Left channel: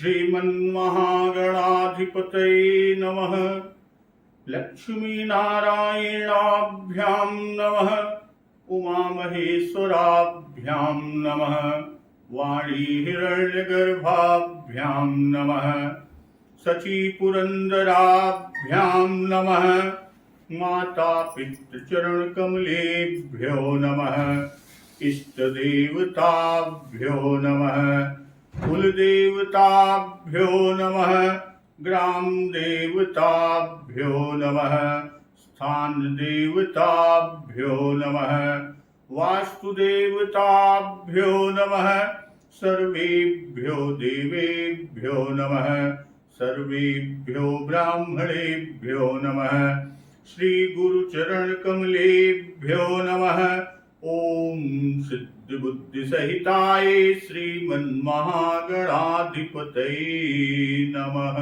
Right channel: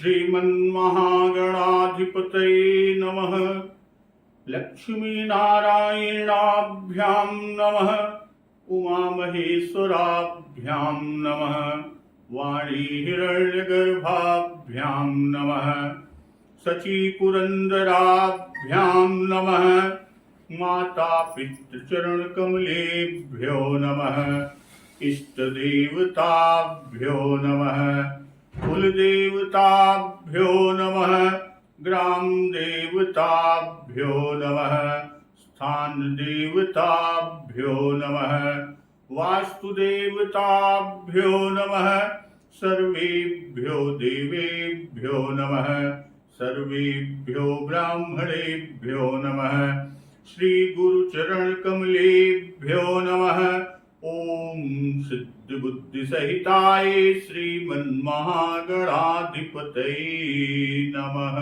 श्रीमन्महागणाधिपतये नमः। लक्ष्मीनारायणाभ्यां नमः। उमामहेश्वराभ्यां नमः। वाणी हिरण्यगर्भाभ्यां नमः। शचीपुरन्दराभ्यां नमः। माता पितृचरणकमलेभ्यो नमः। इष्टदेवताभ्यो नमः। कुलदेवताभ्यो नमः। ग्रामदेवताभ्यो नमः। स्थानदेवताभ्यो नमः। वास्तुदेवताभ्यो नमः। सर्वेभ्यो देवेभ्यो नमः। सर्वेभ्यो ब्राह्मणेभ्यो नमः। श्री गुरुचरणकमलेभ्यो नमः। ओम सिद्धिबुद्धिसहिताय श्रीमन्महागणाधिपतये नमः।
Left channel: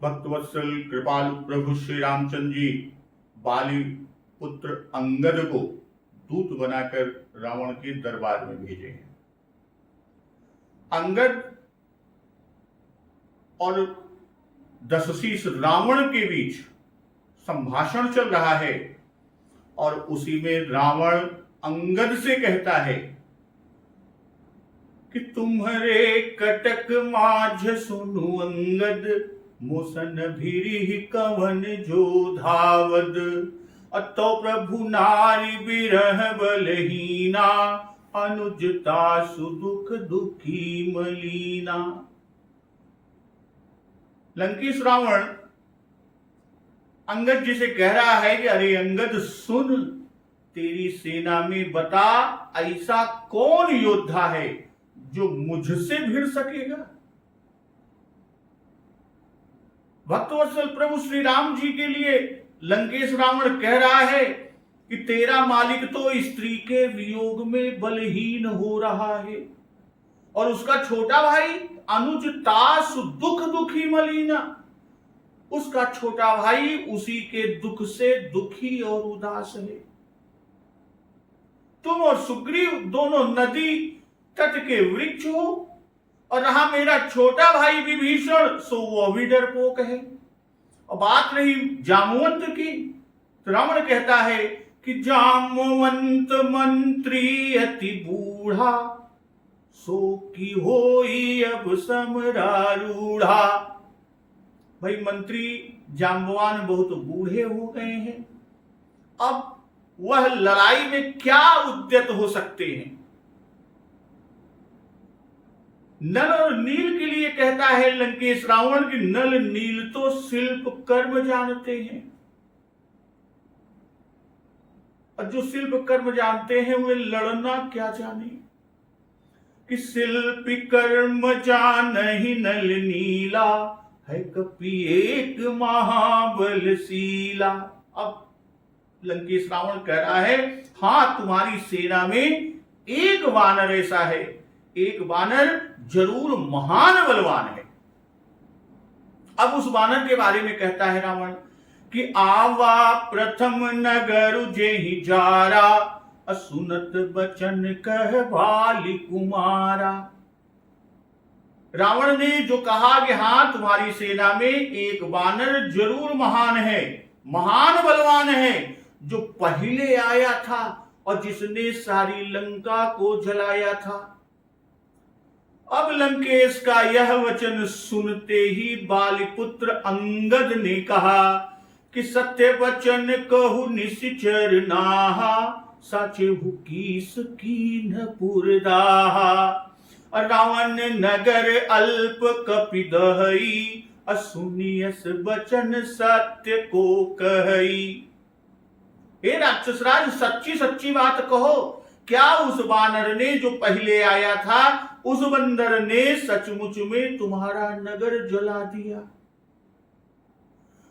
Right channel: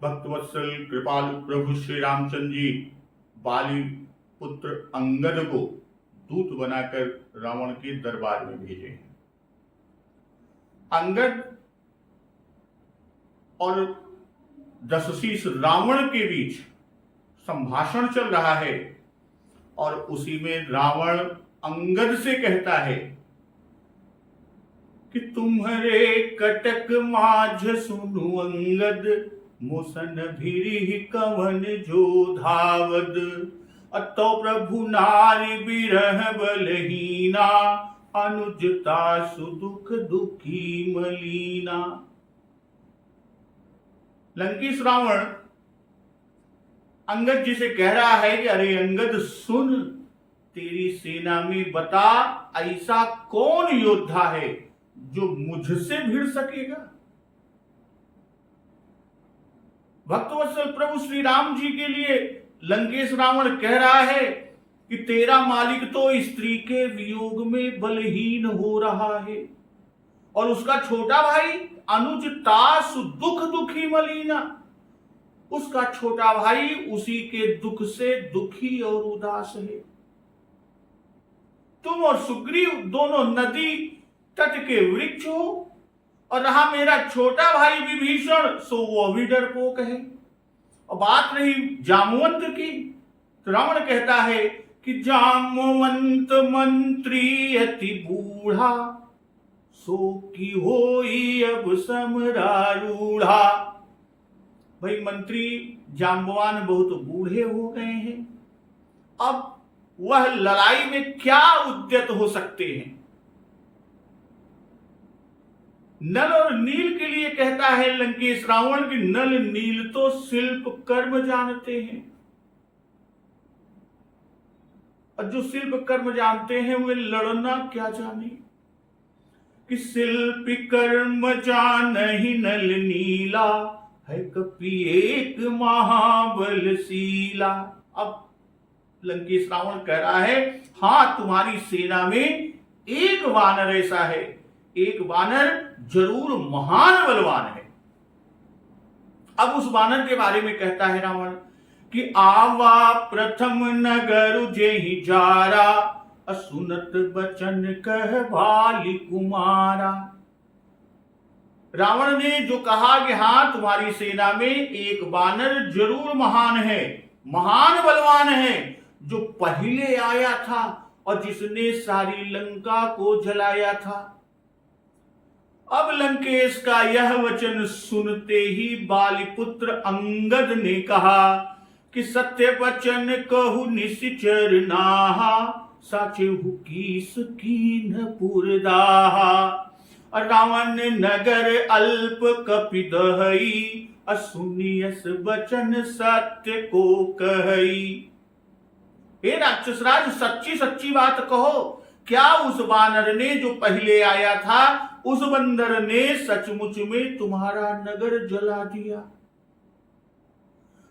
भक्तवत्सल कृपालु प्रभु श्री रामचंद्र जी बाली पुत्र अंगद को दूत बनाकर रावण के दरबार में भेजे हैं। अंगद और दशशीष रावण के बीच संभाषण चल रहा है और उसी में रावण अंगद से कहता है कि तुम्हारे कटक माझ सुनु अंगद, मोसन भीरी कवन जो धावद। अतो प्रभु नारी बिरह बलहीना, अनुजता सुदुख दुखी मलीना। लंकेश रावण अंगद जी से कह रहा है कि अरे अंगद सुन, तेरी सेना में बता ऐसा कौन योद्धा है जो मुझसे भिड़ सकेगा। भक्तवत्सल प्रभु श्री राम जी के लिए लंकेश रावण कह रहा है कि तेरा मालिक तो स्त्री के वियोग में बलहीन हो रहा है और उसका छोटा भाई अनुज तास दुख दुखी मलीना, उसका छोटा भाई उसी के दुख से दुखी और उदास है। तुम और सुग्रीव दोनों नदी तट के वृक्ष हो और रहा मेरा छोटा भाई विभीषण, सो वो भी डरपोक है। और बात रही जामवंत की, तो रावण कहता है कि जामवंत मंत्री अति बूढ़ा, सो की होई अब समरारूढ़ा। भाई मंत्री जाम्बवान बहुत बूढ़े हो गए हैं, अब वह लड़ाई में क्या उद्यत हो सकते हैं। नल और नील के लिए कहता है लंकेश रावण कि नल नील तो शिल्प कर्म जानते हैं, और जो शिल्प कर्म जानते हैं वे लड़ना क्या जाने। कि शिल्प कर्म जान ही नल नीला, है कपि एक महाबलशीला। अब लंकेश रावण कह रहा है हां तुम्हारी सेना में एक वानर ऐसा है, एक वानर जरूर महान बलवान है। अब उस वानर के बारे में कहता है रावण कि आवा प्रथम नगर जेहि जारा, असुनत बचन कह बाली कुमारा। रावण ने जो कहा कि हाँ तुम्हारी सेना में एक वानर जरूर महान है, महान बलवान है, जो पहले आया था और जिसने सारी लंका को जलाया था। अब लंकेश का यह वचन सुनते ही बालीपुत्र अंगद ने कहा कि सत्य वचन कहु निश्चर नाहा, साचहु कीस कीन पुरदाहा। रावण नगर अल्प कपिदहई, असुनियस बचन सत्य को कहई। हे राक्षसराज सच्ची सच्ची बात कहो, क्या उस वानर ने जो पहले आया था उस बंदर ने सचमुच में तुम्हारा नगर जला दिया।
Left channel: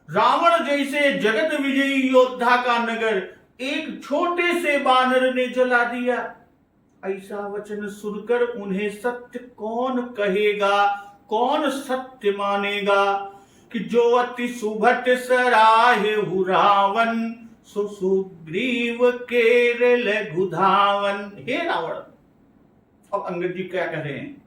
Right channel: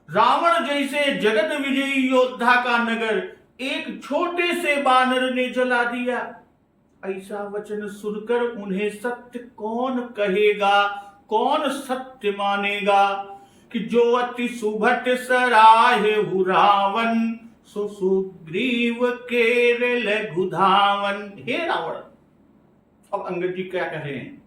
रावण जैसे जगत विजयी योद्धा का नगर एक छोटे से वानर ने जला दिया। ऐसा वचन सुनकर उन्हें सत्य कौन कहेगा, कौन सत्य मानेगा। कि जो अति सुभट सराहे रावण, सो सुग्रीव केर लघु धावन। हे रावण, अब अंगद जी क्या कह रहे हैं,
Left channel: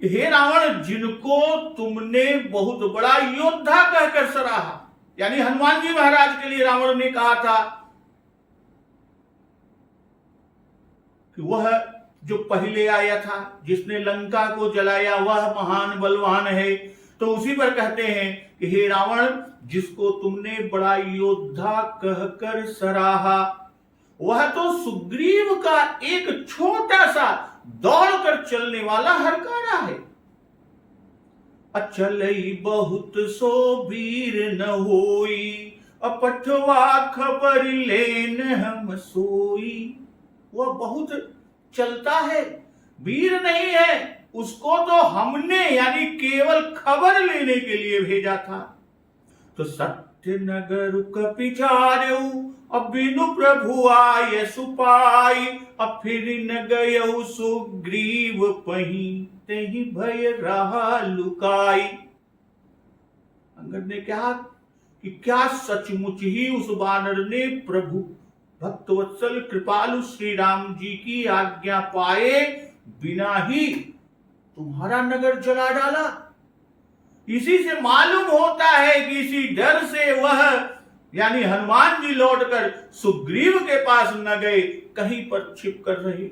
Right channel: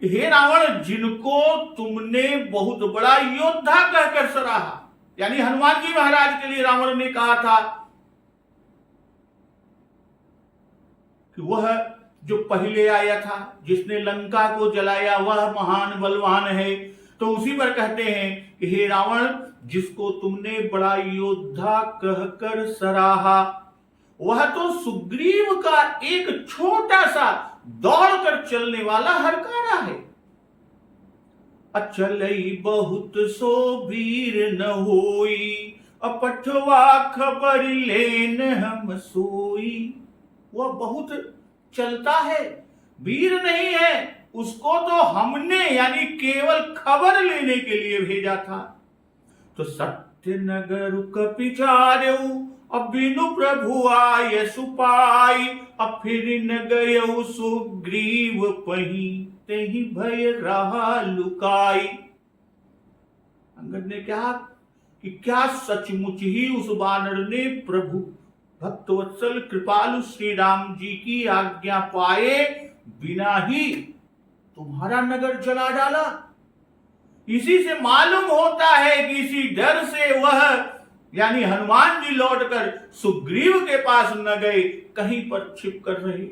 हे रावण, जिनको तुमने बहुत बड़ा योद्धा कहकर सराहा, यानी हनुमान जी महाराज के लिए रावण ने कहा था कि वह जो पहले आया था, जिसने लंका को जलाया, वह महान बलवान है। तो उसी पर कहते हैं कि हे रावण, जिसको तुमने बड़ा योद्धा कहकर सराहा, वह तो सुग्रीव का एक छोटा सा दौड़कर चलने वाला हरकाना है। अचलई बहुत सो वीर न होई, अपठवा खबर लेन हम सोई। वह बहुत चलता है, वीर नहीं है, उसको तो हमने यानी केवल खबर लेने के लिए भेजा था। तो सत्य नगर कपिचार्यऊ, अब बिनु प्रभु आय सुपाई, अब फिर न गयऊ सुग्रीव पही, तेहि भय रहा लुकाई। अंगद ने कहा कि क्या सचमुच ही उस वानर ने प्रभु भक्तवत्सल कृपालु श्री राम जी की आज्ञा पाए बिना ही तुम्हारा नगर जला डाला? इसी से मालूम होता है कि इसी डर से वह यानी हनुमान जी लौटकर सुग्रीव के पास न गए, कहीं पर छिप कर रहे।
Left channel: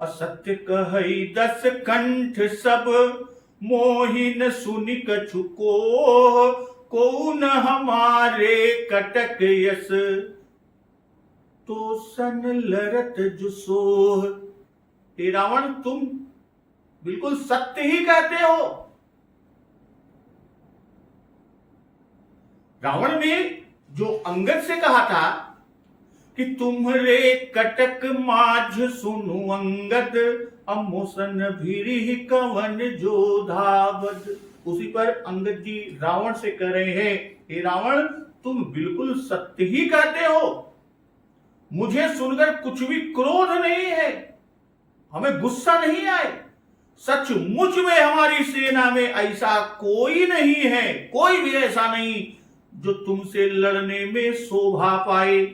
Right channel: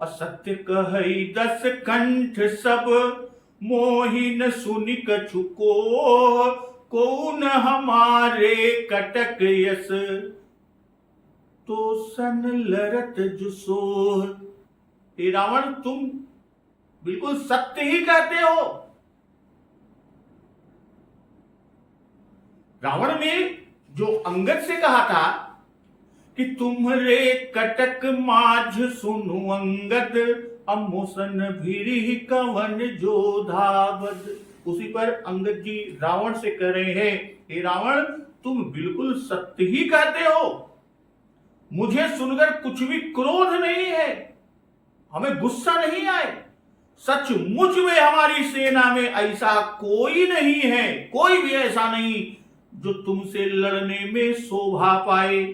असत्य कहई 10 कंठ सब, मोहिन सुनि कछु को, कौन हमारे कटक यस, तो सन लरत जुसोह। हे रावण, तुम बिल्कुल सत्य ही कहते हो। रावण ने जो अंगद से कहा था कि तुम्हारे कटक माझ सुनु अंगद, अमोसन भीरी कवन जो धावद। उसी पर अंगद जी रावण से कह रहे हैं, हे रावण, तुम बिल्कुल सत्य ही कहते हो। मुझे सुनकर कुछ भी क्रोध नहीं है, हमें गुस्सा नहीं आए। सचमुच में हमारी सेना में ऐसा कोई नहीं है, कोई भी ऐसा नहीं जो तुमसे लड़ने में शोभा पाए।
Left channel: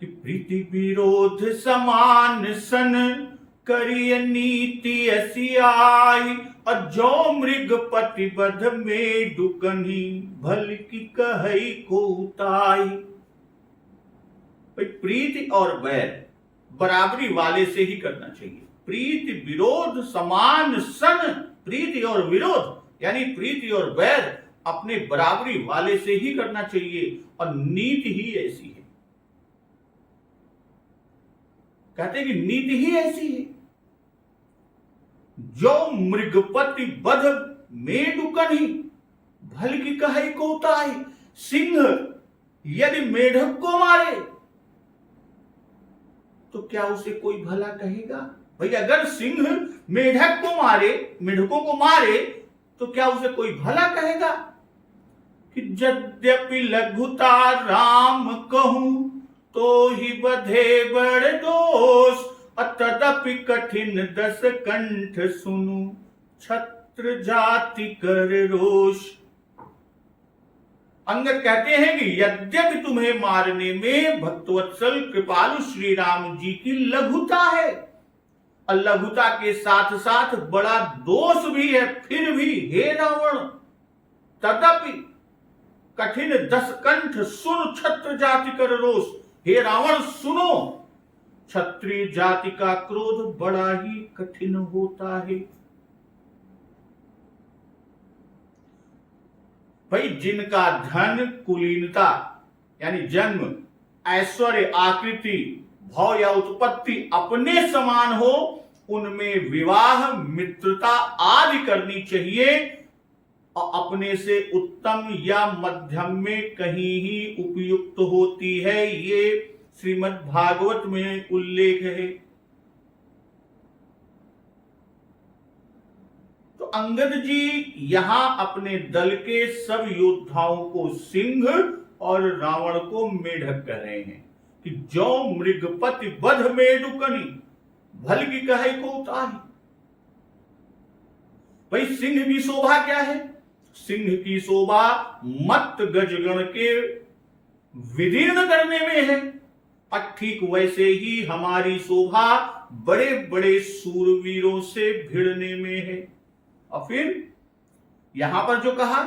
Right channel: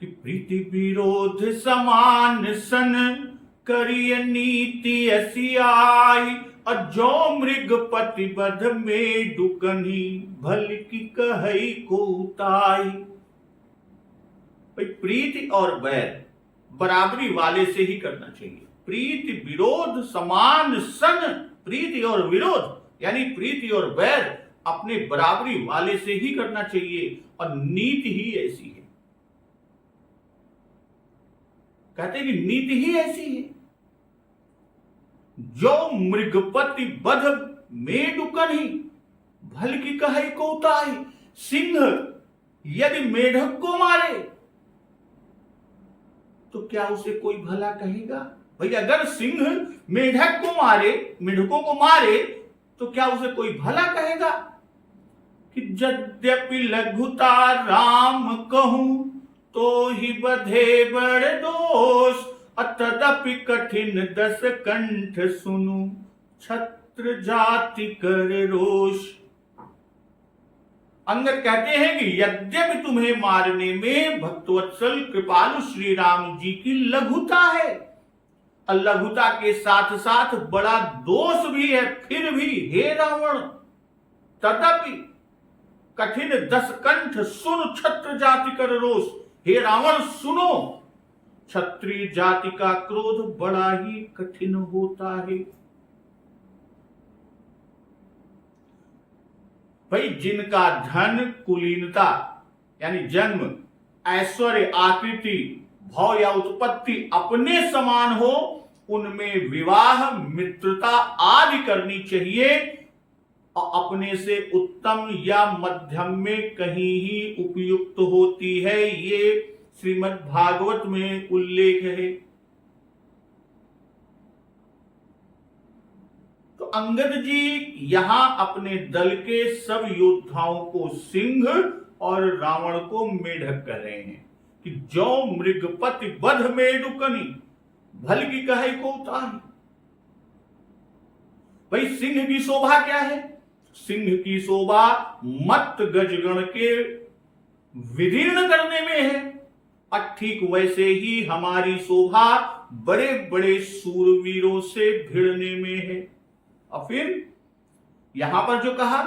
कि प्रीति विरोध समान सन, करिय नीति ऐसी आई, अजो मृग पतिबध में डुकनी, भल की कहई को उताई। प्रीति और वैर बराबरी वाले से ही करना चाहिए। प्रीति विरोध समान सन, प्रीति और विरोध यानी प्रीति और वैर अपने बराबरी वाले से ही करना चाहिए, और नीति ही ऐसी है। कहते हैं कि नीति ही ऐसी है, जो मृगपति बध मेढुकन ही, भल की कहे को उताई। सिंह यदि मेढक को मारे तो क्या उसे कोई भला कहेगा? भाई, अगर सिंह मेढक को मारे, मेढकों को मारे, तो क्या उसे कोई भला कहेगा? कि यद्यपि लघुता राम कहूं, तो ही बधे बड़ दोष, तदपि कठिन 10 कंठ सुनु, छत्र जाति कर रोष। अंगद कहते हैं कि यद्यपि तुम्हें मारने में भक्तवत्सल कृपालु श्री राम जी की लघुता है, और लघुता के साथ साथ बड़ा दोष भी है, फिर भी हे रावण, तदपि कठिन 10 कंठ सुन, छत्र जाति कर रोष। हे रावण, सुनो, क्षत्रिय जाति का क्रोध बड़ा ही कठिन होता है। भाई, जिनका धन, कुलीनता यानी जन्म, ऐश्वर्य, आकृति, भाव या उत्पत्ति अपने समान हो, उनमें विवाह, मित्रता आदि करनी चाहिए, और अपने से उत्तम या मध्यम में कहीं ही उपयुक्त होती है। ये श्रीमद् भागवत में उल्लेख है। तो अंगद जी यहां अपने दल के सब योद्धाओं को सिंह और रावण को मेढक कह रहे हैं कि जो मृगपति बध मेढुकनी, भल की कहे को उताही। भाई, सिंह की शोभा क्या है? सिंह की शोभा मत गजगण के विदीर्ण करने में है। और ठीक वैसे ही हमारी शोभा बड़े बड़े सूरवीरों से भिड़ने में है। और फिर यहां पर जो कहा,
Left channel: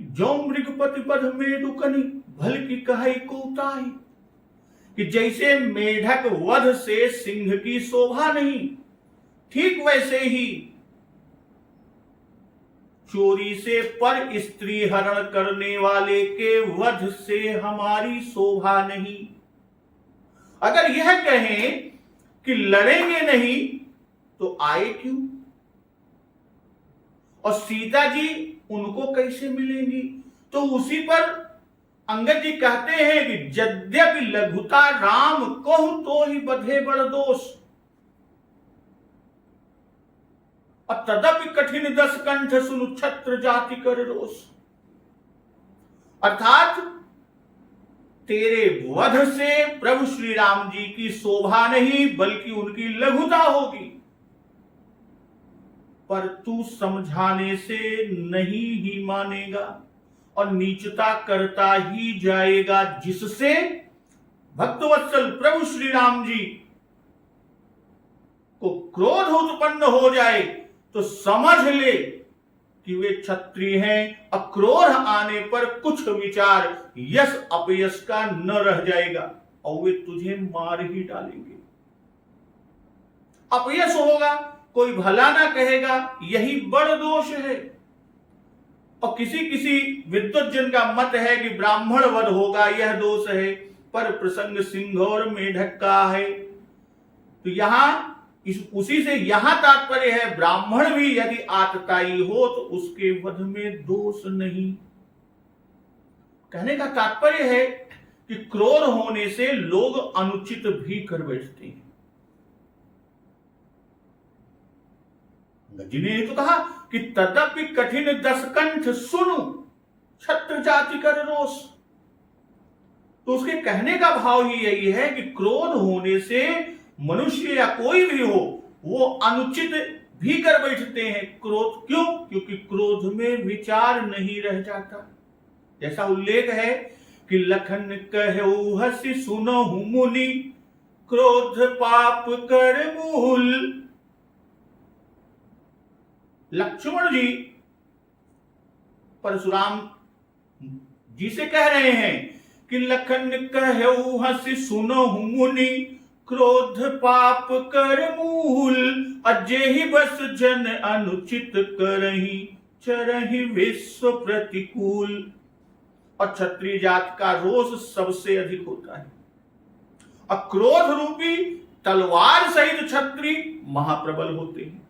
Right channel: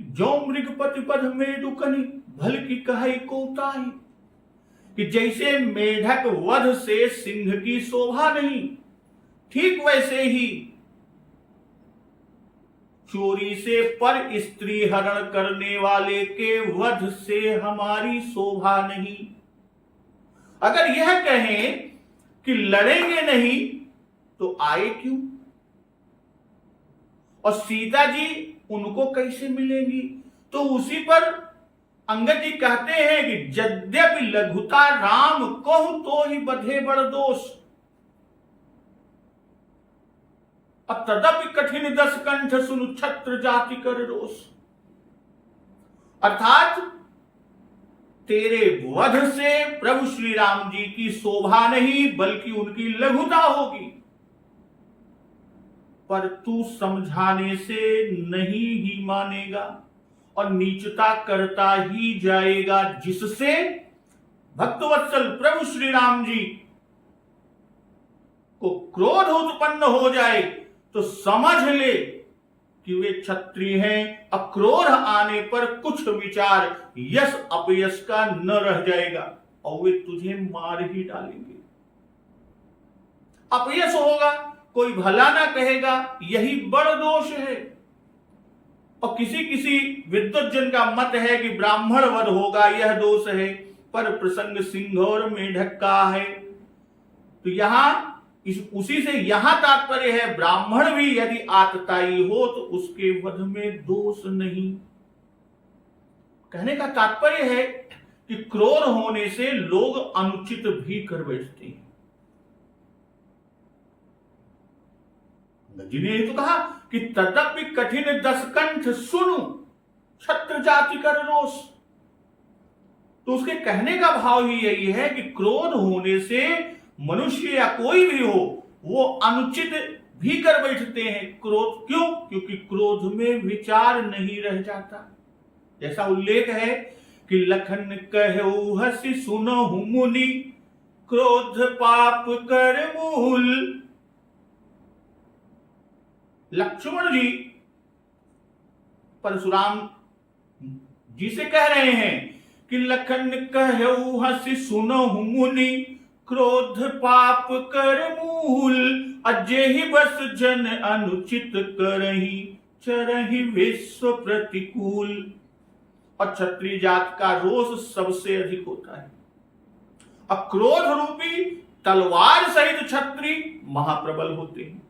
जो मृगपति पद मेढुकनि भल की कहाई कोताही, कि जैसे मेढक वध से सिंह की शोभा नहीं, ठीक वैसे ही चोरी से पर स्त्री हरण करने वाले के वध से हमारी शोभा नहीं। अगर यह कहें कि लड़ेंगे नहीं तो आए क्यों? और सीता जी उनको कैसे मिलेंगी? तो उसी पर अंगद जी कहते हैं कि यद्यपि लघुता राम कहूं तो ही बधे बड़ दोष, और तदपि कठिन दस कंठ सुनु छत्र जाति कर रोष। अर्थात तेरे वध से प्रभु श्री राम जी की शोभा नहीं बल्कि उनकी लघुता होगी, पर तू समझाने से नहीं ही मानेगा और नीचता करता ही जाएगा, जिससे भक्तवत्सल प्रभु श्री राम जी को क्रोध उत्पन्न हो जाए तो समझ ले कि वे क्षत्रिय हैं। अक्रोध आने पर कुछ विचार यश अपयश का न रह जाएगा और वे तुझे मार ही डालेंगे। अपयश होगा, कोई भला ना कहेगा, यही बड़ दोष है। और किसी किसी विद्वत जन का मत है कि ब्राह्मण वध होगा, यह दोष है, पर प्रसंग सिंह और मेढक का है। तो यहां उसी से यहां तात्पर्य है, ब्राह्मण भी यदि आतताई हो तो उसके वध में दोष नहीं। कहने का तात्पर्य है कि क्रोध होने से लोग अनुचित भी कर बैठते हैं। जिन्हें तो कहा कि तदपि कठिन दस कंठ सुनु छत्र जाति कर रोष। तो उसके कहने का भाव ही यही है कि क्रोध होने से मनुष्य या कोई भी हो वो अनुचित भी कर बैठते हैं। क्रोध क्यों? क्योंकि क्रोध में विचार नहीं रह जाता। जैसा उल्लेख है कि लखन कहु हसी सुनहु मुनि, क्रोध पाप कर मूल। लक्ष्मण जी परशुराम जी से कह रहे हैं कि लखन कहु हसी सुनहु मुनि, क्रोध पाप कर मूल। अजेहि बस जन अनुचित करही, चरहि विश्व प्रतिकूल। और क्षत्रिय जात का रोष सबसे अधिक होता है। अक्रोध रूपी तलवार सहित क्षत्रिय महाप्रबल होते हैं।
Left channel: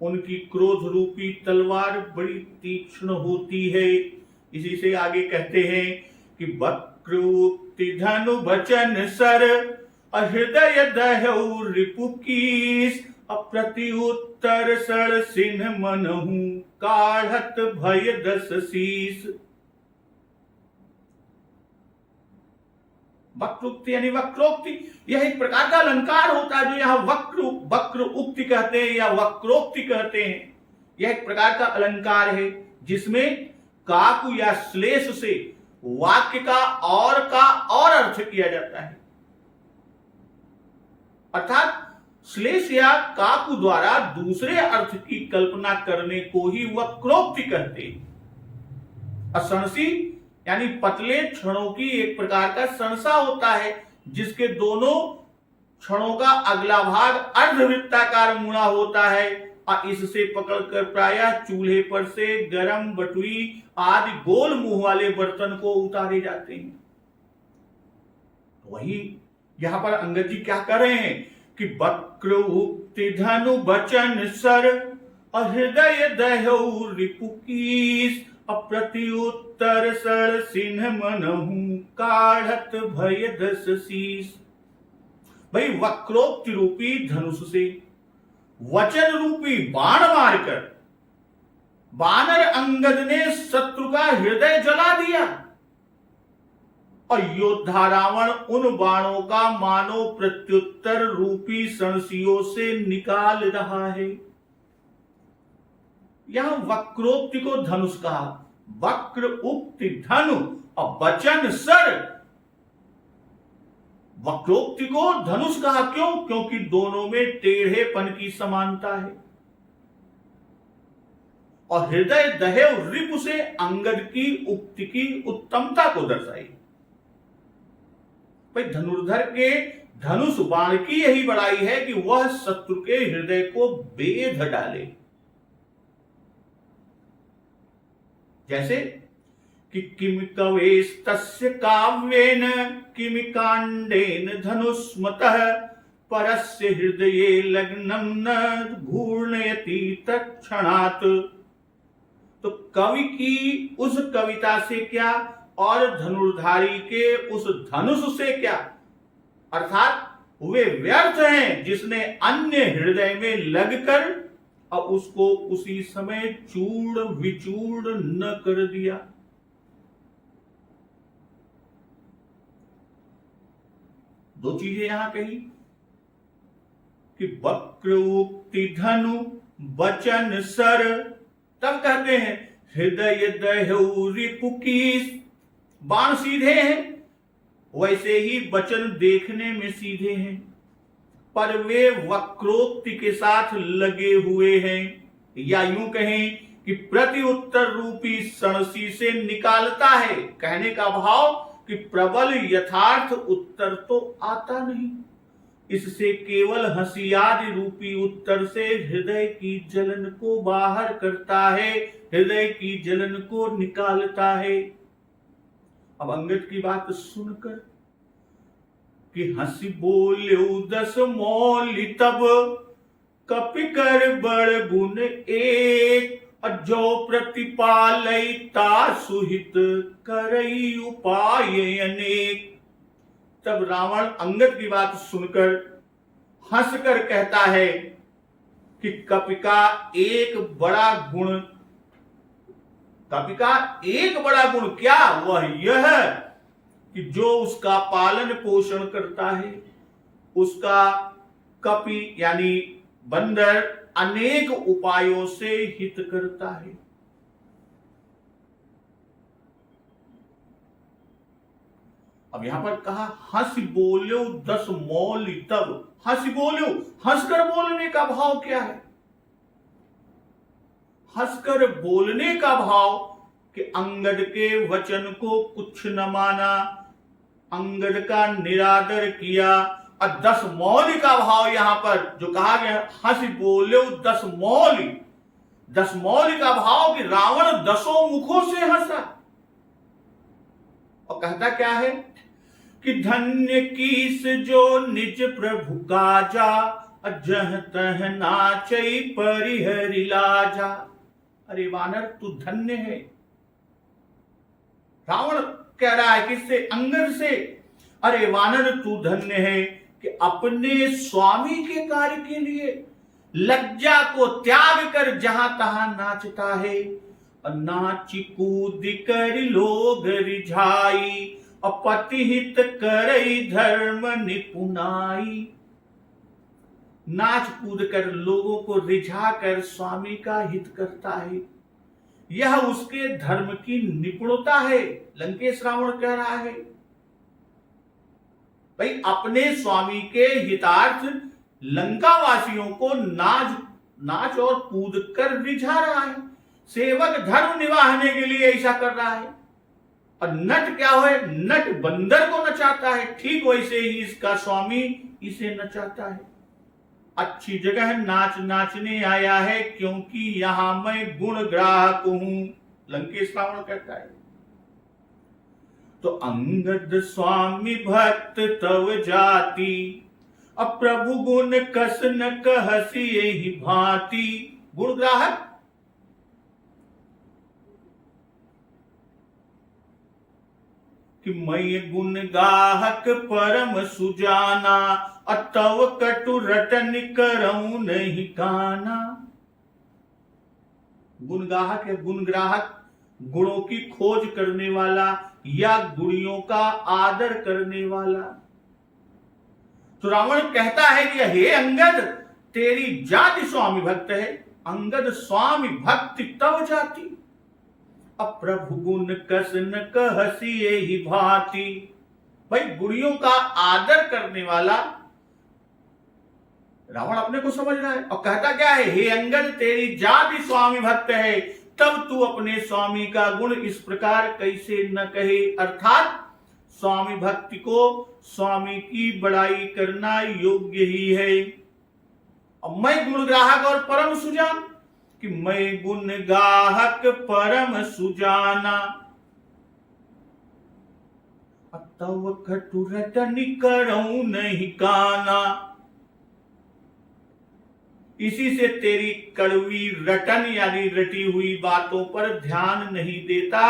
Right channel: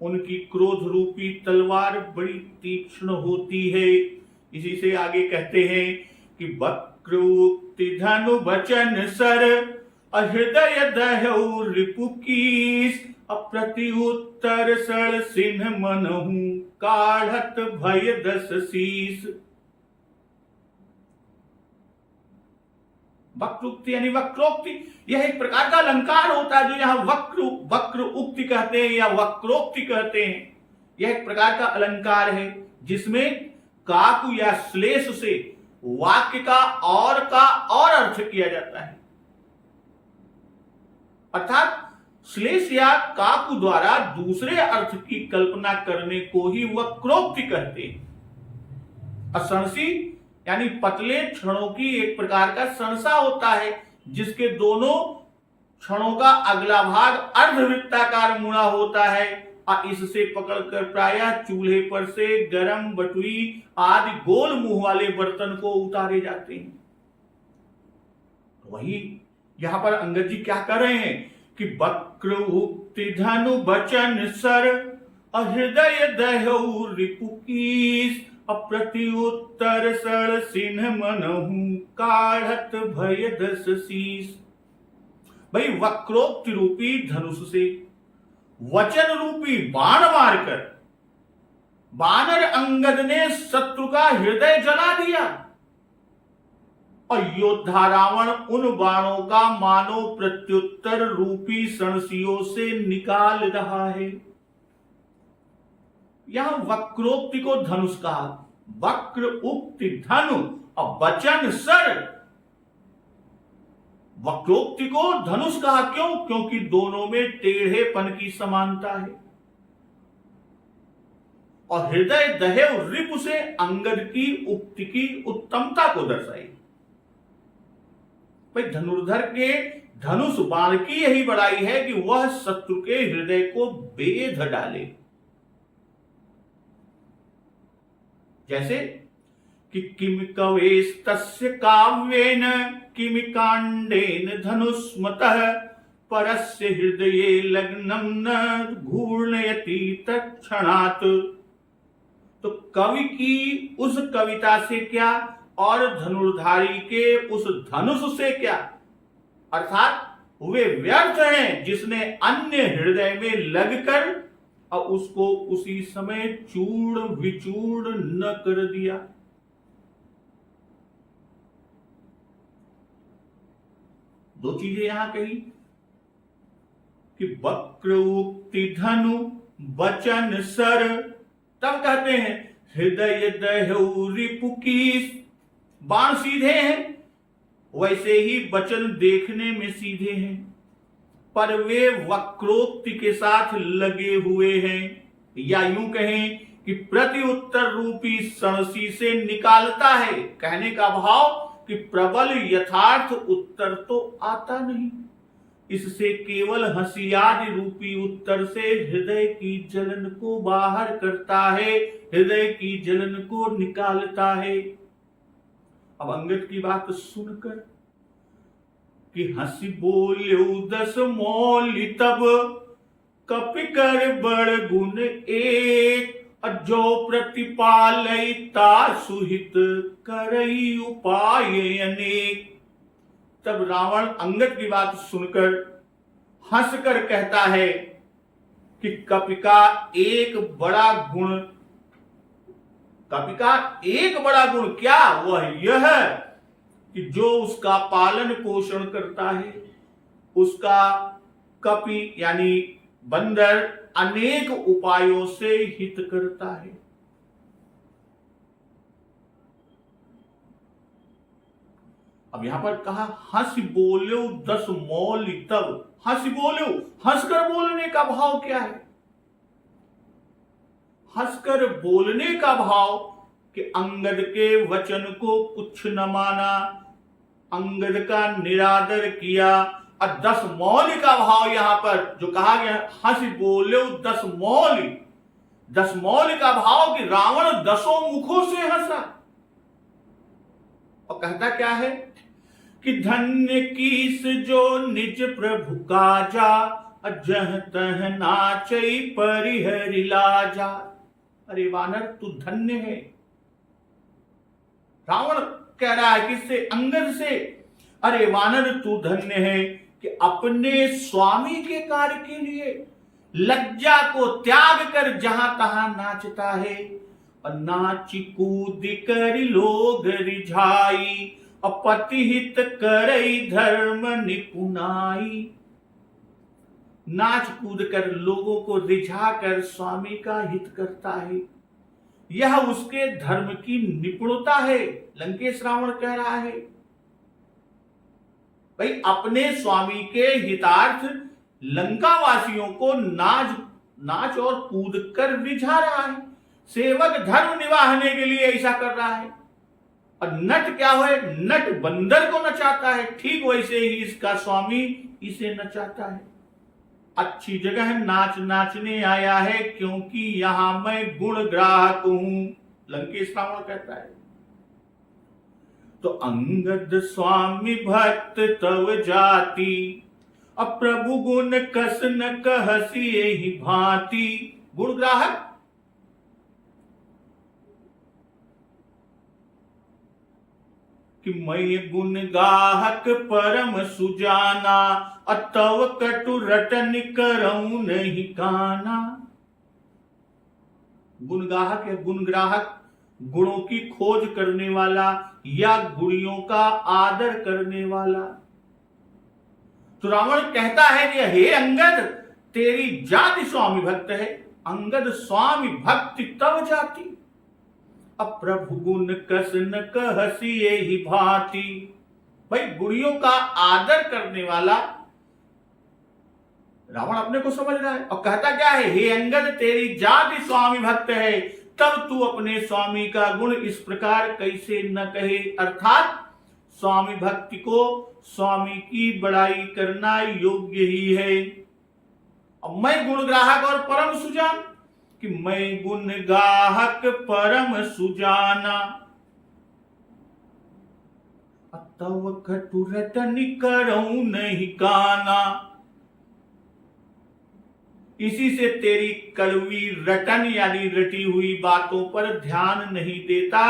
उनकी क्रोध रूपी तलवार बड़ी तीक्ष्ण होती है। इसी से आगे कहते हैं कि वक्र उक्ति धनु वचन सर, हृदय दह्यु रिपुकीस। अप्रति उत्तर सर सिन्ह मनहु, काढ़त भय दस शीस। वक्रोक्ति यानी वक्रोक्ति, यह एक प्रकार का अलंकार होता है जो यहाँ वक्र उक्ति कहते हैं या वक्रोक्ति कहते हैं। यह एक प्रकार का अलंकार है जिसमें काकु या श्लेष से वाक्य का और अर्थ किया जाता है। अर्थात श्लेष या काकु द्वारा दूसरे अर्थ की कल्पना करने को ही वक्रोक्ति कहते हैं। असंसी यानी पतले क्षणों की एक प्रकार का संसा होता है जिसके दोनों क्षणों का अगला भाग अर्धवृत्ताकार मुड़ा होता है और इससे पकड़कर प्रायः चूल्हे पर से गरम बटुई आदि गोल मुंह वाले बर्तन को उतारे जाते हैं। वही यहां पर अंगद जी क्या कर रहे हैं कि वक्र उक्ति धनु वचन सर, हृदय दह्यु रिपुकीस। अप्रति उत्तर सर सिन्ह मनहु, काढ़त भय दस शीस। भाई वक्रोक्ति रूपी धनुष से वचन रूपी बाण मारकर बानर अंगद ने शत्रु का हृदय जला दिया और योद्धा रावण उन बाणों का मानो प्रत्युत्तर रूपी सणसियों से निकाल रहा है। यहां वक्रोक्ति को धनुष कहा। वक्र उक्ति धनु और वचन सर, वक्रोक्ति को धनुष कहा क्यों? क्योंकि दोनों में टेढ़ेपन की समानता है। और हृदय दहेव रिपु से अंगद की उक्ति की उत्तमता को दर्शाई। भाई धनुर्धर के धनुष बाण की यही बड़ाई है कि वह शत्रु के हृदय को बेध डाले। जैसे कि किम कवेस्तस्य काव्येन किम कांडेन धनुष्मतः परस्य हृदये लग्नं न घूर्णयति तत्क्षणात्। तो कवि की उस कविता से क्या और धनुर्धारी के उस धनुष से क्या, अर्थात वे व्यर्थ हैं जिसने अन्य हृदय में लगकर और उसको उसी समय चूर्ण विचूर्ण न कर दिया। दो चीजें यहां कही कि वक्र उक्ति धनु वचन सर, तब कहते हैं हृदय दह्यु रिपु की। बाण सीधे हैं, वैसे ही वचन देखने में सीधे हैं, पर वे वक्रोक्ति के साथ लगे हुए हैं, या यूं कहें कि प्रति उत्तर रूपी सणसी से निकालता है। कहने का भाव कि प्रबल यथार्थ उत्तर तो आता नहीं, इससे केवल हंसियादि रूपी उत्तर से हृदय की जलन को बाहर करता है, हृदय की जलन को निकालता है। अब अंगद की बात सुनकर कि हंसी बोल्यो दस मौलि तब कपि कर बड़ गुण एक, जो प्रतिपालयता सुहित करई उपाय अनेक। तब रावण अंगद की बात सुनकर हंसकर कहता है कि कपि का एक बड़ा गुण, कपि का एक बड़ा गुण क्या? वह यह कि जो उसका पालन पोषण करता है, उसका कपि यानी बंदर अनेक उपायों से हित करता है। अब यहां पर कहा हंस बोलो दस मौलि तब। हंस बोलो, हंसकर बोलने का भाव क्या है? हंसकर बोलने का भाव कि अंगद के वचन को कुछ न माना, अंगद का निरादर किया। और 10 मौलि का भाव यहां पर जो कहा गया, हंस बोलो 10 मौलि। 10 मौलि का भाव कि रावण 10 मुखों से हंसा। और कहता क्या है कि धन्य कीस जो निज प्रभु काजा, जह तह नाचई परिहरि लाजा। अरे वानर तू धन्य है। रावण कह रहा है किससे? अंगद से। अरे वानर तू धन्य है कि अपने स्वामी के कार्य के लिए लज्जा को त्याग कर जहां तहां नाचता है। और नाच कूद कर लोग रिझाई, अपति हित करई धर्म निपुनाई। नाच कूद कर लोगों को रिझा कर स्वामी का हित करता है, यह उसके धर्म की निपुणता है। लंकेश रावण कह रहा है भाई अपने स्वामी के हितार्थ लंका वासियों को नाच और कूद कर रिझा रहा है। सेवक धर्म निभाने के लिए ऐसा कर रहा है। और नट क्या है? नट बंदर को नचाता है, ठीक वैसे ही इसका स्वामी इसे नचाता है। अच्छी जगह नाच नाचने आया है, क्योंकि यहां मैं गुण ग्राहक हूं, लंकेश रावण कहता है। तो अंगद स्वामी भक्त तव जाति, अब प्रभु गुण कस न कहसी यही भांति। गुण ग्राहक कि मैं गुण गाहक परम सुजाना, अतव कटु रटन करऊं नहीं काना। गुण गाहक है, गुण ग्राहक गुणों की खोज करने वाला या गुणियों का आदर करने वाला। तो रावण कहता है कि हे अंगद तेरी जाति स्वामी भक्त है। अंगद स्वामी भक्ति तव जाति, अप्रभु गुण कस न कहसी ही भांति। भाई गुड़ियों का आदर करने वाला रावण अपने को समझ रहा है और कहता क्या है, हे अंगद तेरी जाति स्वामी भक्त है, तब तू अपने स्वामी का गुण इस प्रकार कैसे न कहे। अर्थात स्वामी भक्ति को स्वामी की बड़ाई करना योग्य ही है। अब मैं गुण ग्राहक और परम सुजान, कि मैं गुण गाहक परम सुजाना, तव खटु रटनि करऊं नहीं काना। इसी से तेरी कड़वी रटन यानी रटी हुई बातों पर ध्यान नहीं देता,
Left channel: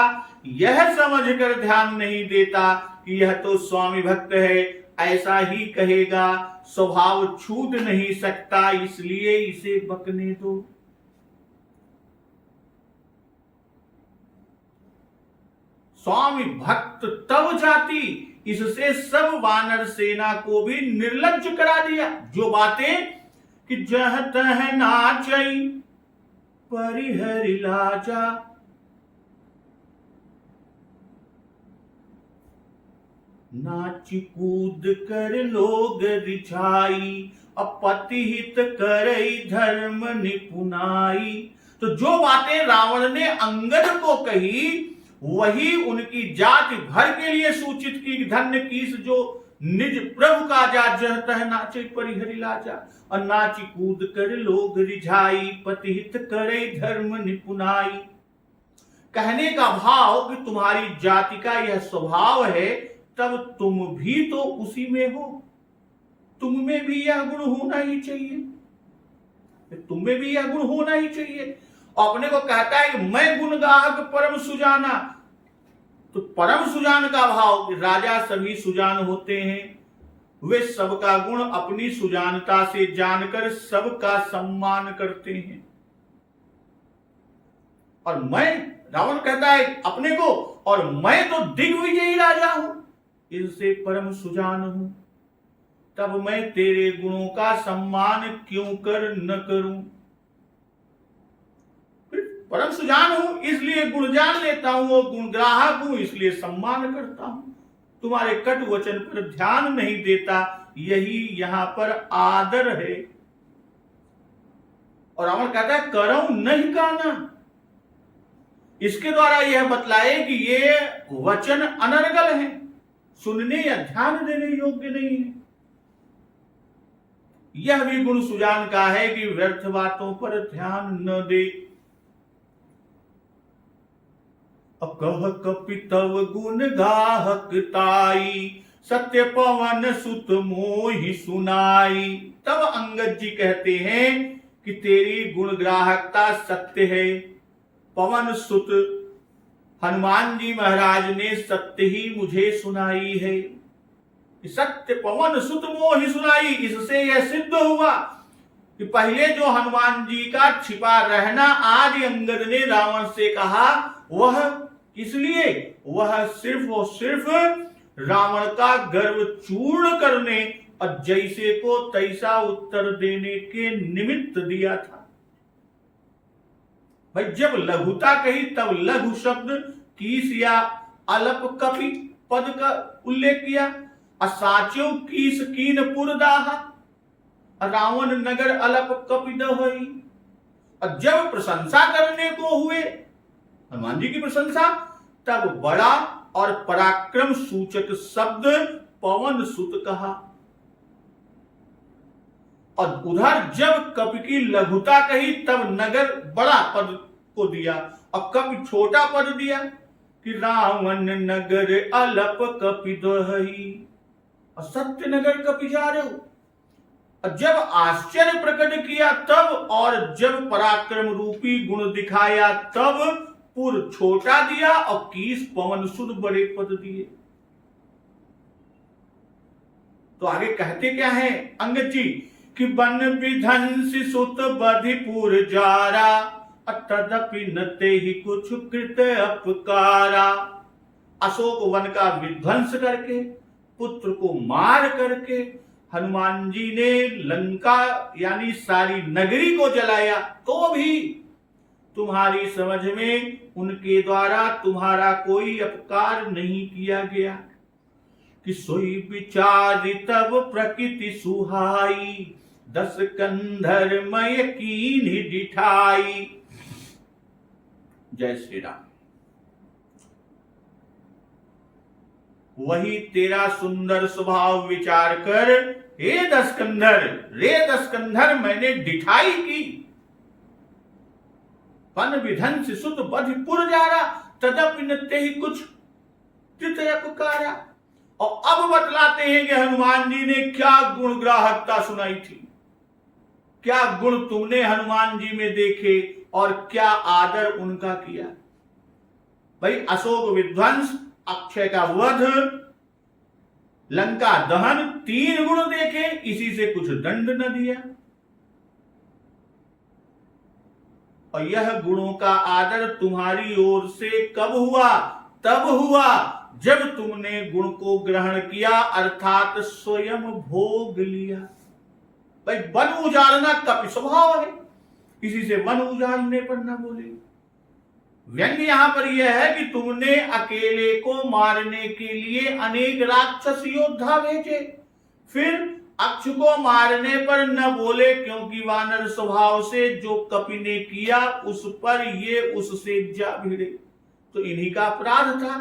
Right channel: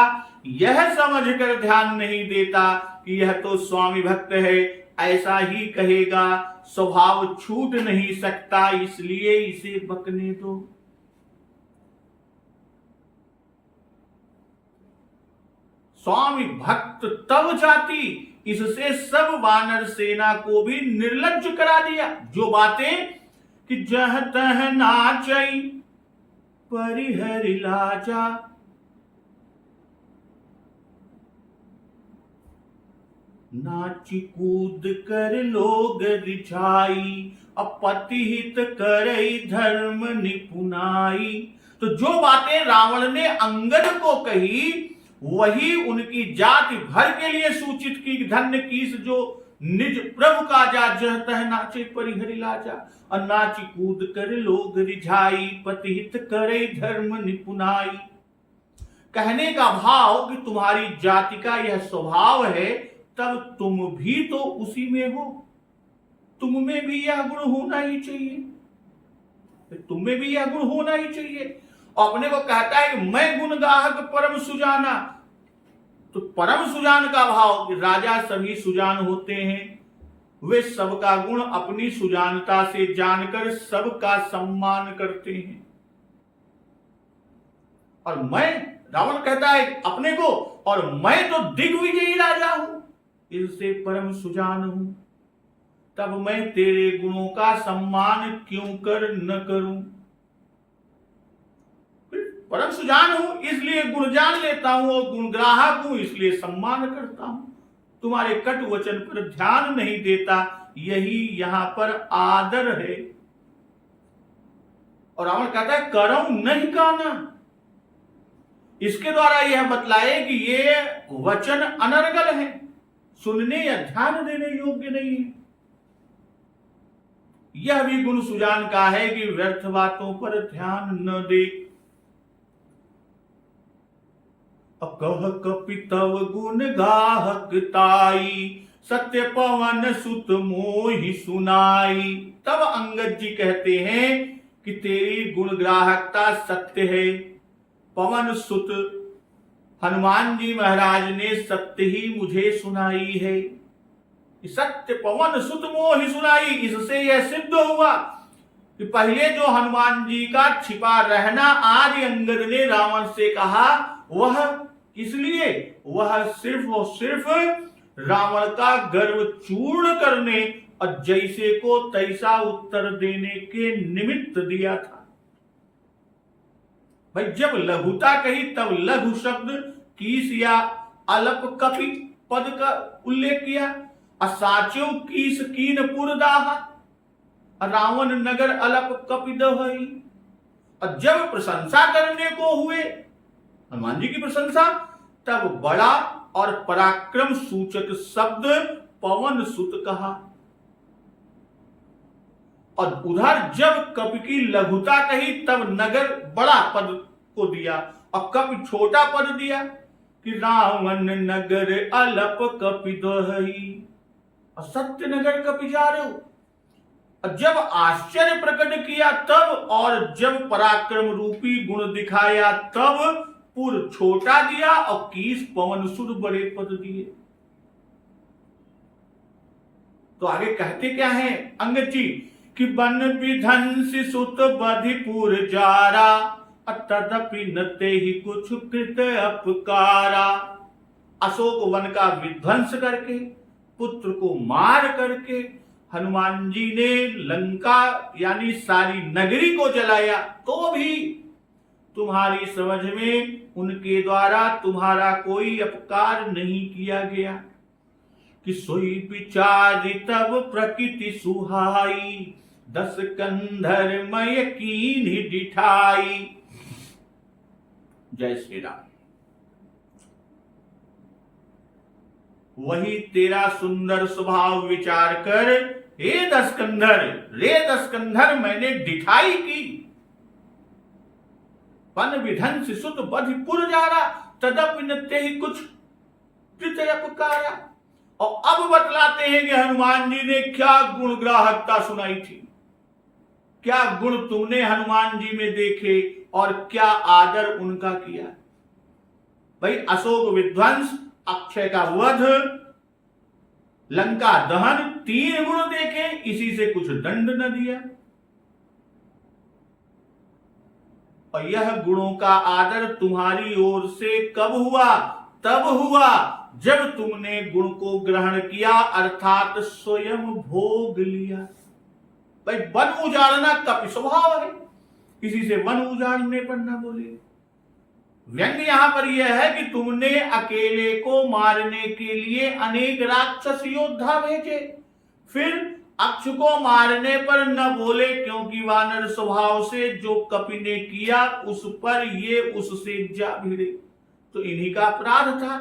यह समझकर ध्यान नहीं देता कि यह तो स्वामी भक्त है, ऐसा ही कहेगा, स्वभाव छूट नहीं सकता, इसलिए इसे बकने दो। स्वामी भक्त तब जाति, इससे सब वानर सेना को भी निर्लज्ज करा दिया। जो बातें कि जह तह नाचई परिहरि लाजा, नाची कूद कर लोग रिझाई, अपति हित करई धर्म निपुनाई। तो जो बातें रावण ने अंगद को कही वही उनकी जाति भर के लिए सूचित की। धन्य कीस जो निज प्रभु का जा, जह तह नाचे परिहरि लाजा, और नाची कूद कर लोग रिझाई, पतिहित करे धर्म निपुनाई। कहने का भाव कि तुम्हारी जाति का यह स्वभाव है, तब तुम भी तो उसी में हो, तुम में भी यह गुण होना ही चाहिए, तुम में भी यह गुण होना ही चाहिए। अपने को कहता है कि मैं गुण गाहक परम सुजाना, तो परम सुजान का भाव कि राजा सभी सुजान होते हैं, वे सबका गुण अपनी सुजानता से जानकर सबका सम्मान करते हैं। और मैं, रावण कहता है अपने को, और मैं तो दिग्विजयी राजा हूं, इससे परम सुजान हूं, तब मैं तेरे गुणों का सम्मान क्यों कर न करूं। परम सुजान हूं इसलिए गुण जान लेता हूं, और गुण ग्राहक हूं इसलिए सम्मान करता हूं। तुम्हारे कटु वचन पर ध्यान नहीं देता, यही यहां पर आदर है। और रावण कहता है करऊं नहीं काना, इसके द्वारा यह बतलाए कि ये वचन अनर्गल है, सुनने या ध्यान देने योग्य नहीं है। यह भी गुण सुजान का है कि व्यर्थ बातों पर ध्यान न दे। अकह कपि तव गुण गाहक ताई, सत्य पवन सुत मोहि सुनाई। तब अंगद जी कहते हैं कि तेरी गुण ग्राहकता सत्य है। पवन सुत हनुमान जी महाराज ने सत्य ही मुझे सुनाई है। सत्य पवन सुत मोहि सुनाई, इससे यह सिद्ध हुआ कि पहले जो हनुमान जी का छिपा रहना आदि अंगद ने रावण से कहा, वह इसलिए वह सिर्फ और सिर्फ रावण का गर्व चूर्ण करने और जैसे को तैसा उत्तर देने के निमित्त दिया था। भाई जब लघुता कही तब लघु शब्द कीस या अलप कपि पद का उल्लेख किया। असाच्यो कीस कीन पुरदाहा, रावण नगर अलप कपि दहई। और जब प्रशंसा करने को हुए हनुमान जी की प्रशंसा, तब बड़ा और पराक्रम सूचक शब्द पवन सुत कहा। और उधर जब कपि की लघुता कही तब नगर बड़ा पद को दिया और कपि छोटा पद दिया कि रावण नगर अलप कपि दहई, और सत्य नगर कपि जा रहे हो। और जब आश्चर्य प्रकट किया तब, और जब पराक्रम रूपी गुण दिखाया तब पुर छोटा दिया और कीस पवन सुत बड़े पद दिए। तो आगे कहते क्या है अंगद जी कि बन विध्वंसी सुत बधिपुर जारा, तदपि न तेहि कुछ कृत अपकारा। अशोक वन का विध्वंस करके, पुत्र को मार करके हनुमान जी ने लंका यानी सारी नगरी को जलाया, तो भी तुम्हारी समझ में उनके द्वारा तुम्हारा कोई अपकार नहीं किया गया। कि सोई विचार तब प्रकृति सुहाई, 10 कंधर मय कीन डिठाई। जय श्री राम। वही तेरा सुंदर स्वभाव विचार कर हे 10 कंधर, रे 10 कंधर मैंने डिठाई की। पन विधन सुत बधिपुर जारा, तदप नित्य ही कुछ तृतय पुकारा। और अब बतलाते हैं कि हनुमान जी ने क्या गुण ग्राहकता सुनाई थी, क्या गुण तुमने हनुमान जी में देखे और क्या आदर उनका किया। भाई अशोक विध्वंस, अक्षय का वध, लंका दहन, 3 गुण देखे, इसी से कुछ दंड न दिया। और यह गुणों का आदर तुम्हारी ओर से कब हुआ? तब हुआ जब तुमने गुण को ग्रहण किया, अर्थात स्वयं भोग लिया। भाई वन उजाड़ना कपि स्वभाव है, किसी से वन उजाड़ने पर न बोले। व्यंग यहां पर यह है कि तुमने अकेले को मारने के लिए अनेक राक्षस योद्धा भेजे, फिर अक्ष को मारने पर न बोले, क्योंकि वानर स्वभाव से जो कपि ने किया उस पर ये उससे जा भिड़े, तो इन्हीं का अपराध था।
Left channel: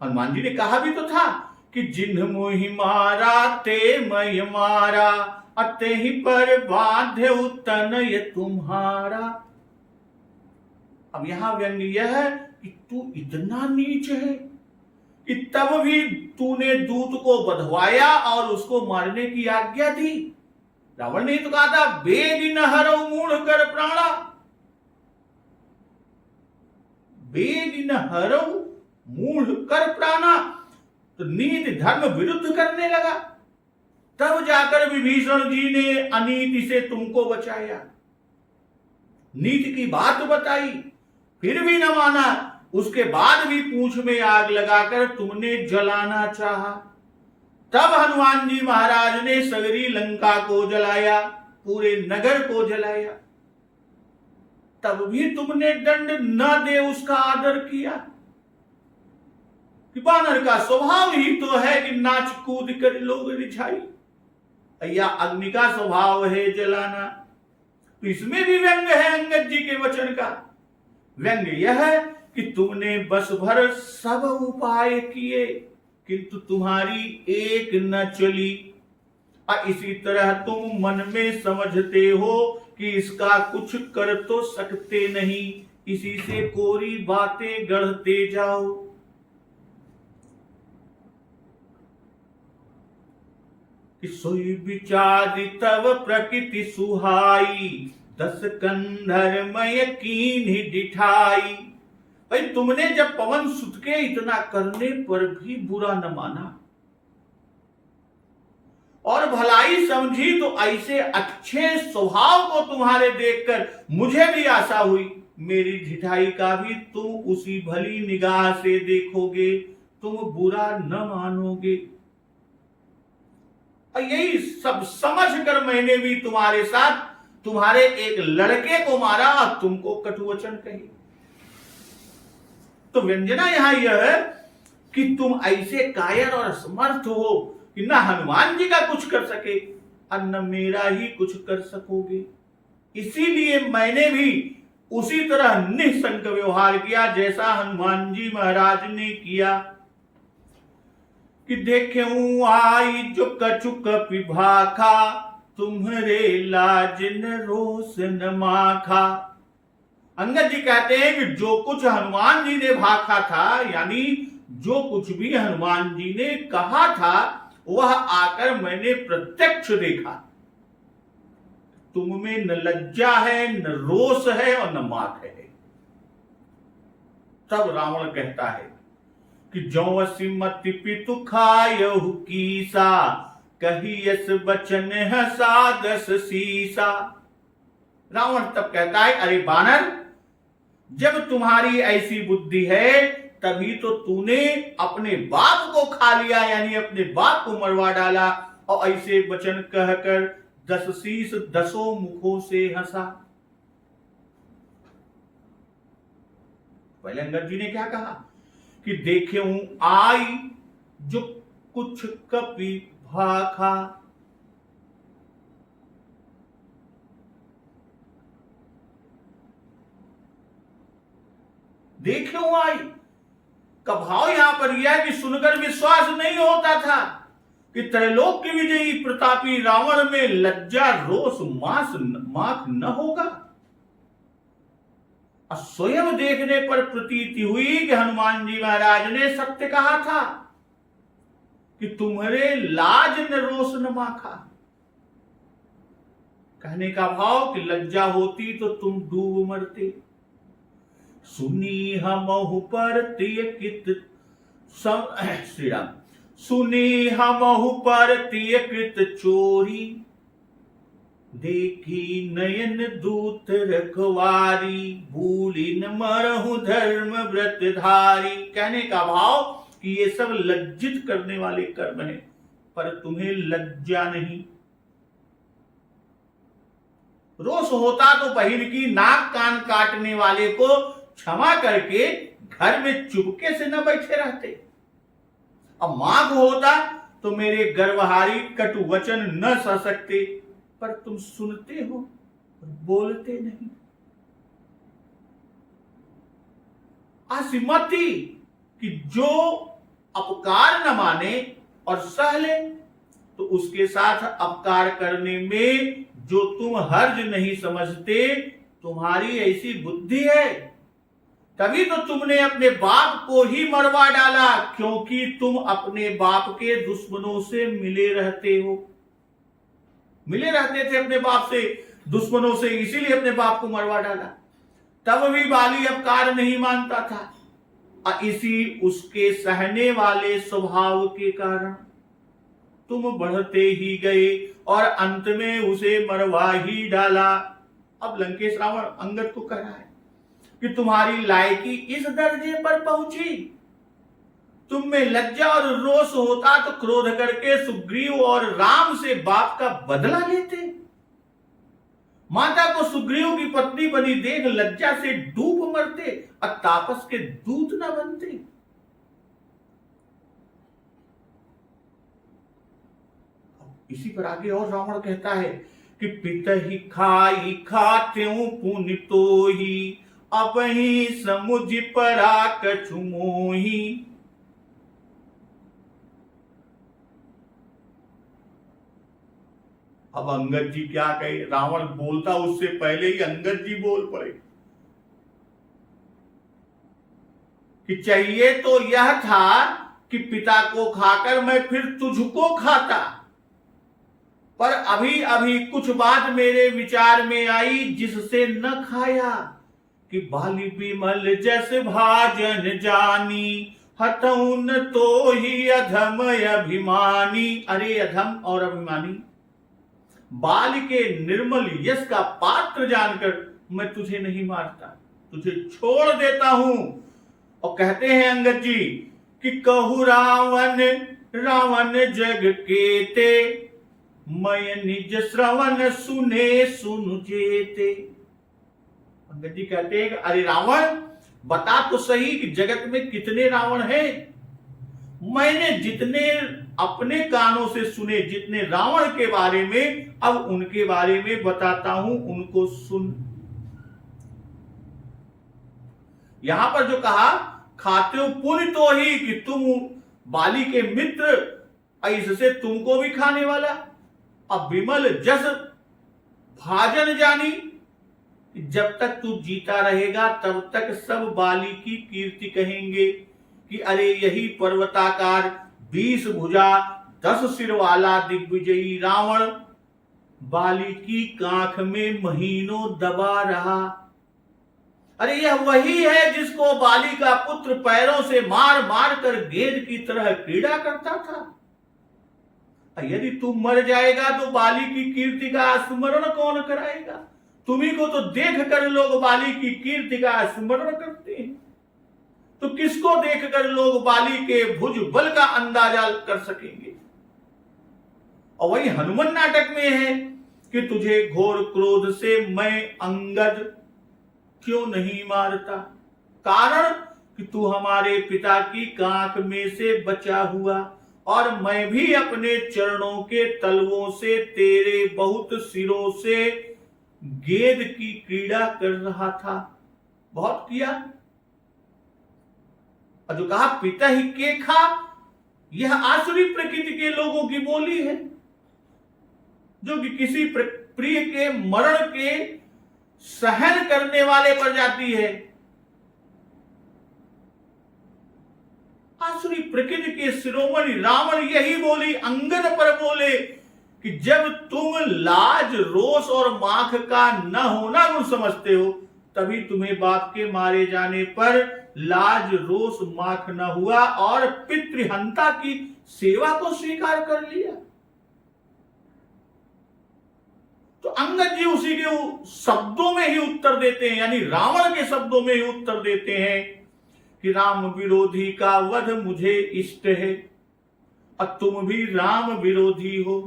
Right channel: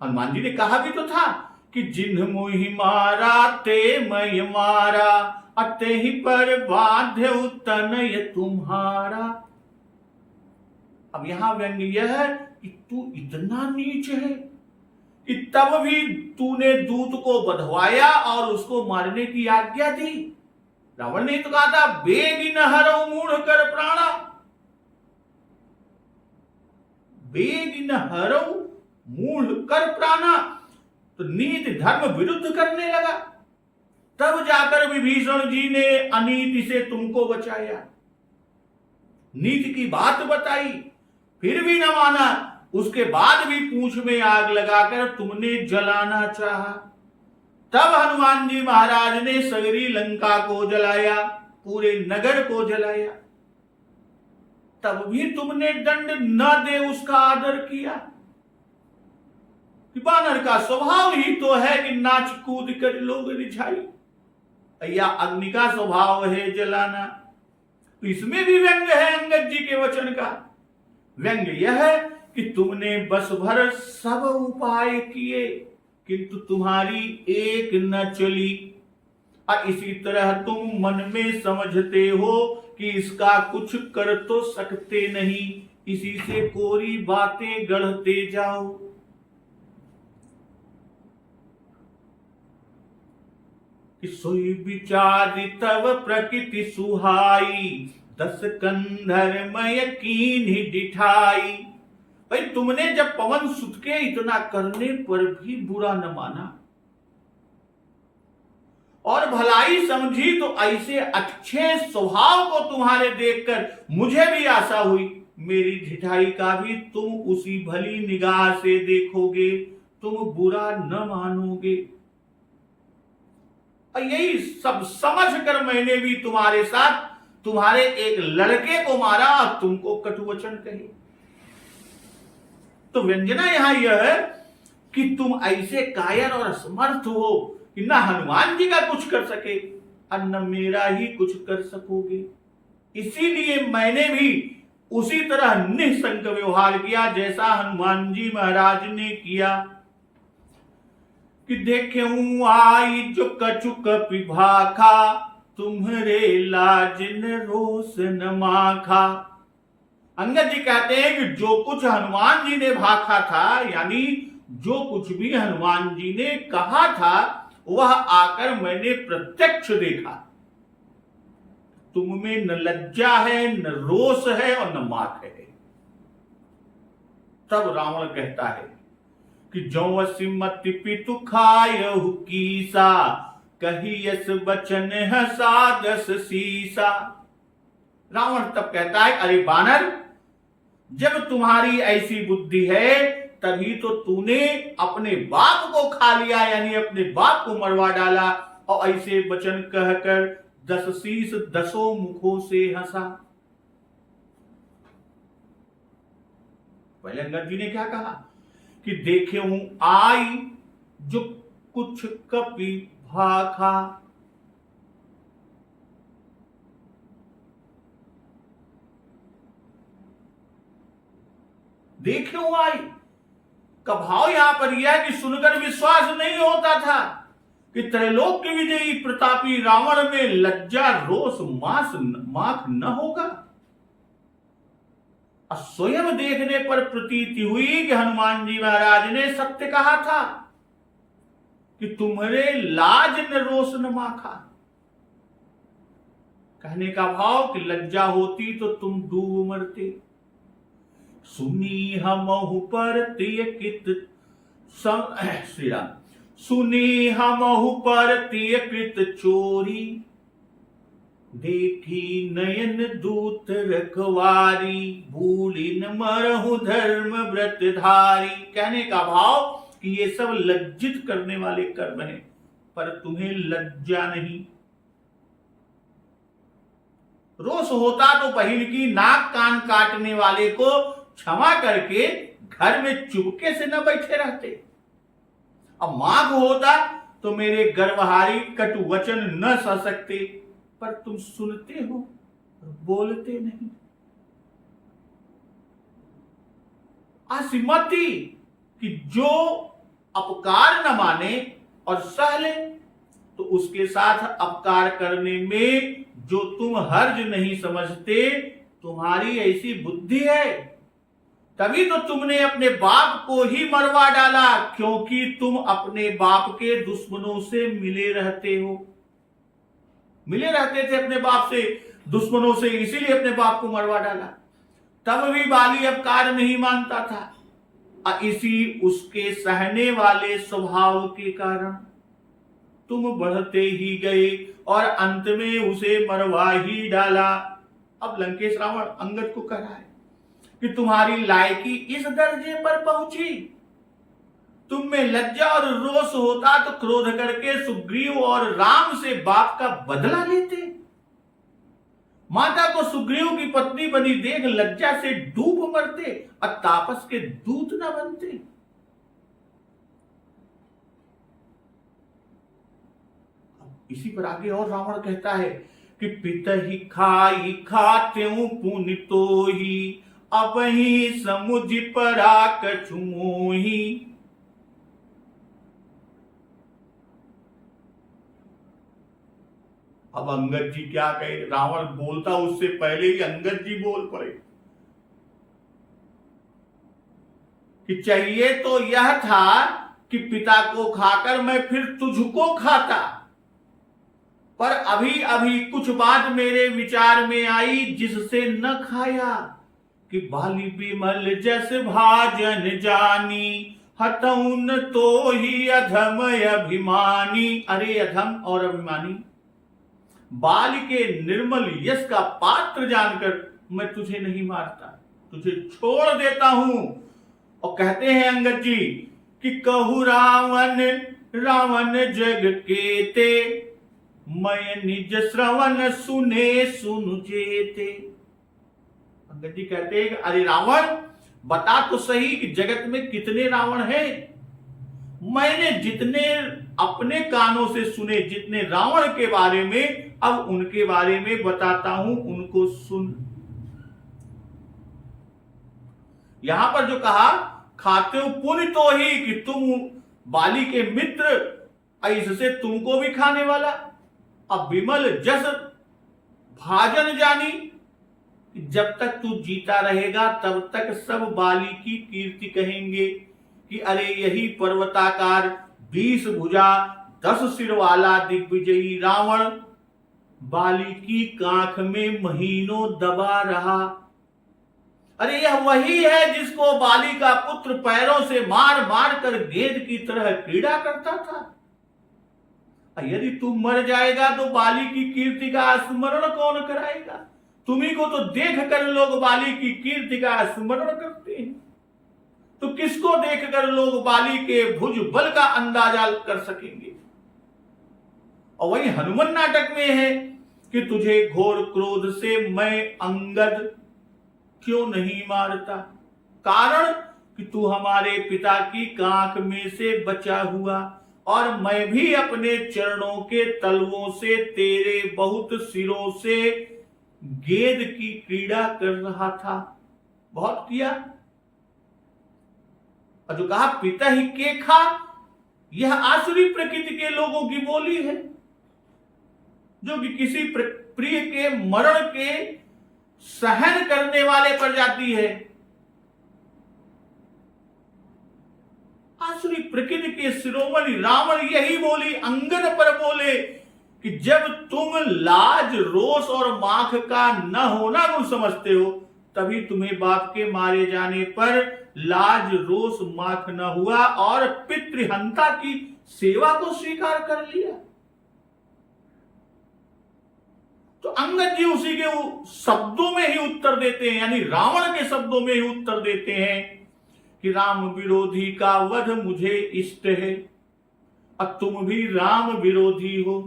हनुमान जी ने कहा भी तो था कि जिन्ह मोहि मारा ते मय मारा, अते ही पर बाध्य तनय तुम्हारा। अब यहां व्यंग यह है कि तू इतना नीच है कि तब भी तूने दूत को बधवाया और उसको मारने की आज्ञा दी। रावण ने तो कहा था बेग न हरो मूढ़ कर प्राणा, बेग न हरो मूढ़ कर प्राणा, तो नीति धर्म विरुद्ध करने लगा। तब जाकर विभीषण जी ने अनीति से तुमको बचाया, नीति की बात बताई, फिर भी न माना। उसके बाद भी पूंछ में आग लगाकर तुमने जलाना चाहा। तब हनुमान जी महाराज ने सगरी लंका को जलाया, पूरे नगर को जलाया, तब भी तुमने दंड न दे उसका आदर किया। कि बानर का स्वभाव ही तो है कि नाच कूद कर लोग रिझाई, या अग्नि का स्वभाव है जलाना। तो इसमें भी व्यंग है अंगद जी के वचन का। व्यंग यह है कि तुमने बस भर सब उपाय किए, किंतु तुम्हारी एक न चली। और इसी तरह तुम मन में समझते हो कि इसका कुछ कर तो सकते नहीं, इसी से कोरी बातें गढ़ते जाओ। कि सोई विचार तब प्रकृति सुहाई, 10 कंधर मय कीन डिठाई। भाई तुमने जब पवन सुत के इतना करने पर भी बुरा न माना और भलाई समझी, तो ऐसे अच्छे स्वभाव को तुम्हारे देखकर मुझे भी आशा हुई मेरी ढिठाई का भी तुम उसी भली निगाह से देखोगे, तुम बुरा न मानोगे। और यही सब समझ कर मैंने भी तुम्हारे साथ तुम्हारे एक लड़के को मारा और तुमको कटुवचन कही। तो व्यंजना यहां यह है कि तुम ऐसे कायर और असमर्थ हो कि न हनुमान जी का कुछ कर सके और न मेरा ही कुछ कर सकोगे। इसीलिए मैंने भी उसी तरह निःशंक व्यवहार किया जैसा हनुमान जी महाराज ने किया। कि देखें आई जो कछुक पिभाखा, तुम्हारे लाज न रोष न माखा। अंगद जी कहते हैं कि जो कुछ हनुमान जी ने भाखा था, यानी जो कुछ भी हनुमान जी ने कहा था, वह आकर मैंने प्रत्यक्ष देखा। तुम में न लज्जा है, न रोष है और न माख है। तब रावण कहता है कि जो सिमत पितु खायहु कीसा, कहियस बचन हसा 10 सीसा। रावण तब कहता है अरे बानर, जब तुम्हारी ऐसी बुद्धि है तभी तो तूने अपने बाप को खा लिया, यानी अपने बाप को मरवा डाला और ऐसे वचन कहकर 10 शीश 10 मुखों से हंसा। पहले अंगद जी ने क्या कहा कि देखे हूं आई जो कुछ कपि भाखा, देखे हूं आई का भाव यहां पर यह है कि सुनकर विश्वास नहीं होता था कि त्रैलोक के विजयी प्रतापी रावण में लज्जा रोष माख न होगा। स्वयं देखने पर प्रतीति हुई कि हनुमान जी महाराज ने सत्य कहा था कि तुम्हारे लाज न रोष न माखा। कहने का भाव कि लज्जा होती तो तुम डूब मरते। सुनी हमहु पर तिय कित श्री राम, सुनी हमहु पर तिय कृत चोरी, देखी नयन दूत रखवारी, भूलिन मरहु धर्म व्रत धारी। कहने का भाव कि ये सब लज्जित करने वाले कर्म हैं, पर तुम्हें लज्जा नहीं। रोष होता तो बहिन की नाक कान काटने वाले को क्षमा करके घर में चुपके से न बैठे रहते। अब माघ होता तो मेरे गर्वहारी कटु वचन न सह सकते, पर तुम सुनते हो और बोलते नहीं। आसिमती कि जो अपकार न माने और सह ले, तो उसके साथ अपकार करने में जो तुम हर्ज नहीं समझते, तुम्हारी ऐसी बुद्धि है। तभी तो तुमने अपने बाप को ही मरवा डाला, क्योंकि तुम अपने बाप के दुश्मनों से मिले रहते हो। मिले रहते थे अपने बाप से, दुश्मनों से, इसीलिए अपने बाप को मरवा डाला। तब भी बाली अपकार नहीं मानता था। इसी उसके सहने वाले स्वभाव के कारण तुम बढ़ते ही गए और अंत में उसे मरवा ही डाला। अब लंकेश रावण अंगद को कह रहा है कि तुम्हारी लायकी इस दर्जे पर पहुंची, तुम में लज्जा और रोष होता तो क्रोध करके सुग्रीव और राम से बाप का बदला लेते। माता को सुग्रीव की पत्नी बनी देख लज्जा से डूब मरते और तापस के दूत न बनते। इसी पर आगे और रावण कहता है कि पितहि खाई खात्यों पुनि तोहि, अब ही समुझ परा कछु मोहि। अब अंगद जी क्या कहे, रावण बोलता उससे पहले ही अंगद जी बोल पड़े कि चाहिए तो यह था कि पिता को खाकर मैं फिर तुझको खाता, पर अभी अभी कुछ बात मेरे विचार में आई जिससे न खाया कि बाली बिमल जैसे भाजन जानी, हतौन तो ही अधम अभिमानी। अरे अधम और अभिमानी, बाल के निर्मल यश का पात्र जानकर मैं तुझे नहीं मारता, तुझे छोड़ देता हूं। और कहते हैं अंगद जी कि कहु रावण रावण जग केते, मैं निज श्रवण सुने सुनु जेते। अंगद जी कहते हैं कि अरे रावण, बता तो सही कि जगत में कितने रावण हैं। मैंने जितने अपने कानों से सुने जितने रावण के बारे में, अब उनके बारे में बताता हूं, उनको सुन। यहां पर जो कहा खाते हो पुण्य तो ही कि तुम बाली के मित्र, इससे तुमको भी खाने वाला। अब विमल जस भाजन जानी, जब तक तू जीता रहेगा तब तक सब बाली की कीर्ति कहेंगे कि अरे यही पर्वताकार 20 भुजा 10 सिर वाला दिग्विजयी रावण बाली की कांख में महीनों दबा रहा। अरे यह वही है जिसको बाली का पुत्र पैरों से मार मार कर गेंद की तरह क्रीड़ा करता था। यदि तू मर जाएगा तो बाली की कीर्ति का स्मरण कौन कराएगा? तुम्ही को तो देख कर लोग बाली की कीर्ति का स्मरण करते हैं, तो किसको देखकर लोग बाली के भुज बल का अंदाजा कर सकेंगे? और वही हनुमान नाटक में है कि तुझे घोर क्रोध से मैं अंगद क्यों नहीं मारता। कारण कि तू हमारे पिता की कांख में से बचा हुआ, और मैं भी अपने चरणों के तलवों से तेरे बहुत सिरों से गेंद की क्रीड़ा कर रहा था। बहुत किया। और जो कहा पिता ही के खा, यह आसुरी प्रकृति के लोगों की बोली है, जो कि किसी प्रिय के मरण के सहन करने वाले पर जाती है। आसुरी प्रकृति के शिरोमणि रावण यही बोली अंगद पर बोले कि जब तुम लाज, रोष और माख का न होना गुण समझते हो, तभी तुम्हें बाप के मारे जाने पर लाज, रोष, माख न हुआ और पितृहंता की सेवा को स्वीकार कर लिया। तो अंगद जी उसी के शब्दों में ही उत्तर देते हैं, यानी रावण के शब्दों में ही उत्तर देते हैं कि राम विरोधी का वध मुझे इष्ट है, और तुम भी राम विरोधी हो।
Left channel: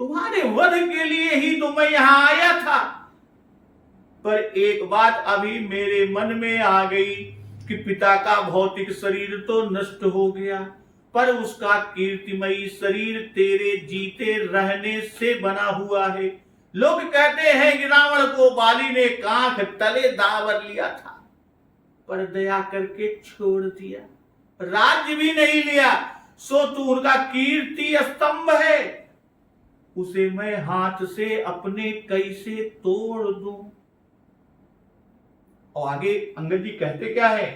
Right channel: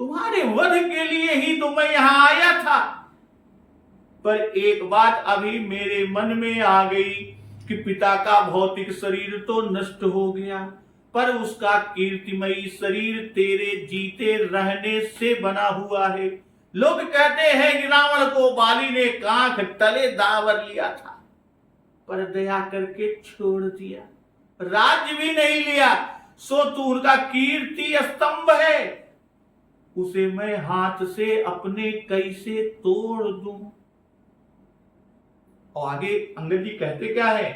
तुम्हारे वध के लिए ही तो मैं यहां आया था, पर एक बात अभी मेरे मन में आ गई कि पिता का भौतिक शरीर तो नष्ट हो गया, पर उसका कीर्तिमयी शरीर तेरे जीते रहने से बना हुआ है। लोग कहते हैं कि रावण को बाली ने कांख तले दावर लिया था, पर दया करके छोड़ दिया, राज्य भी नहीं लिया, सो तू उनका कीर्ति स्तंभ है, उसे मैं हाथ से अपने कैसे तोड़ दूं। और आगे अंगद जी कहते क्या है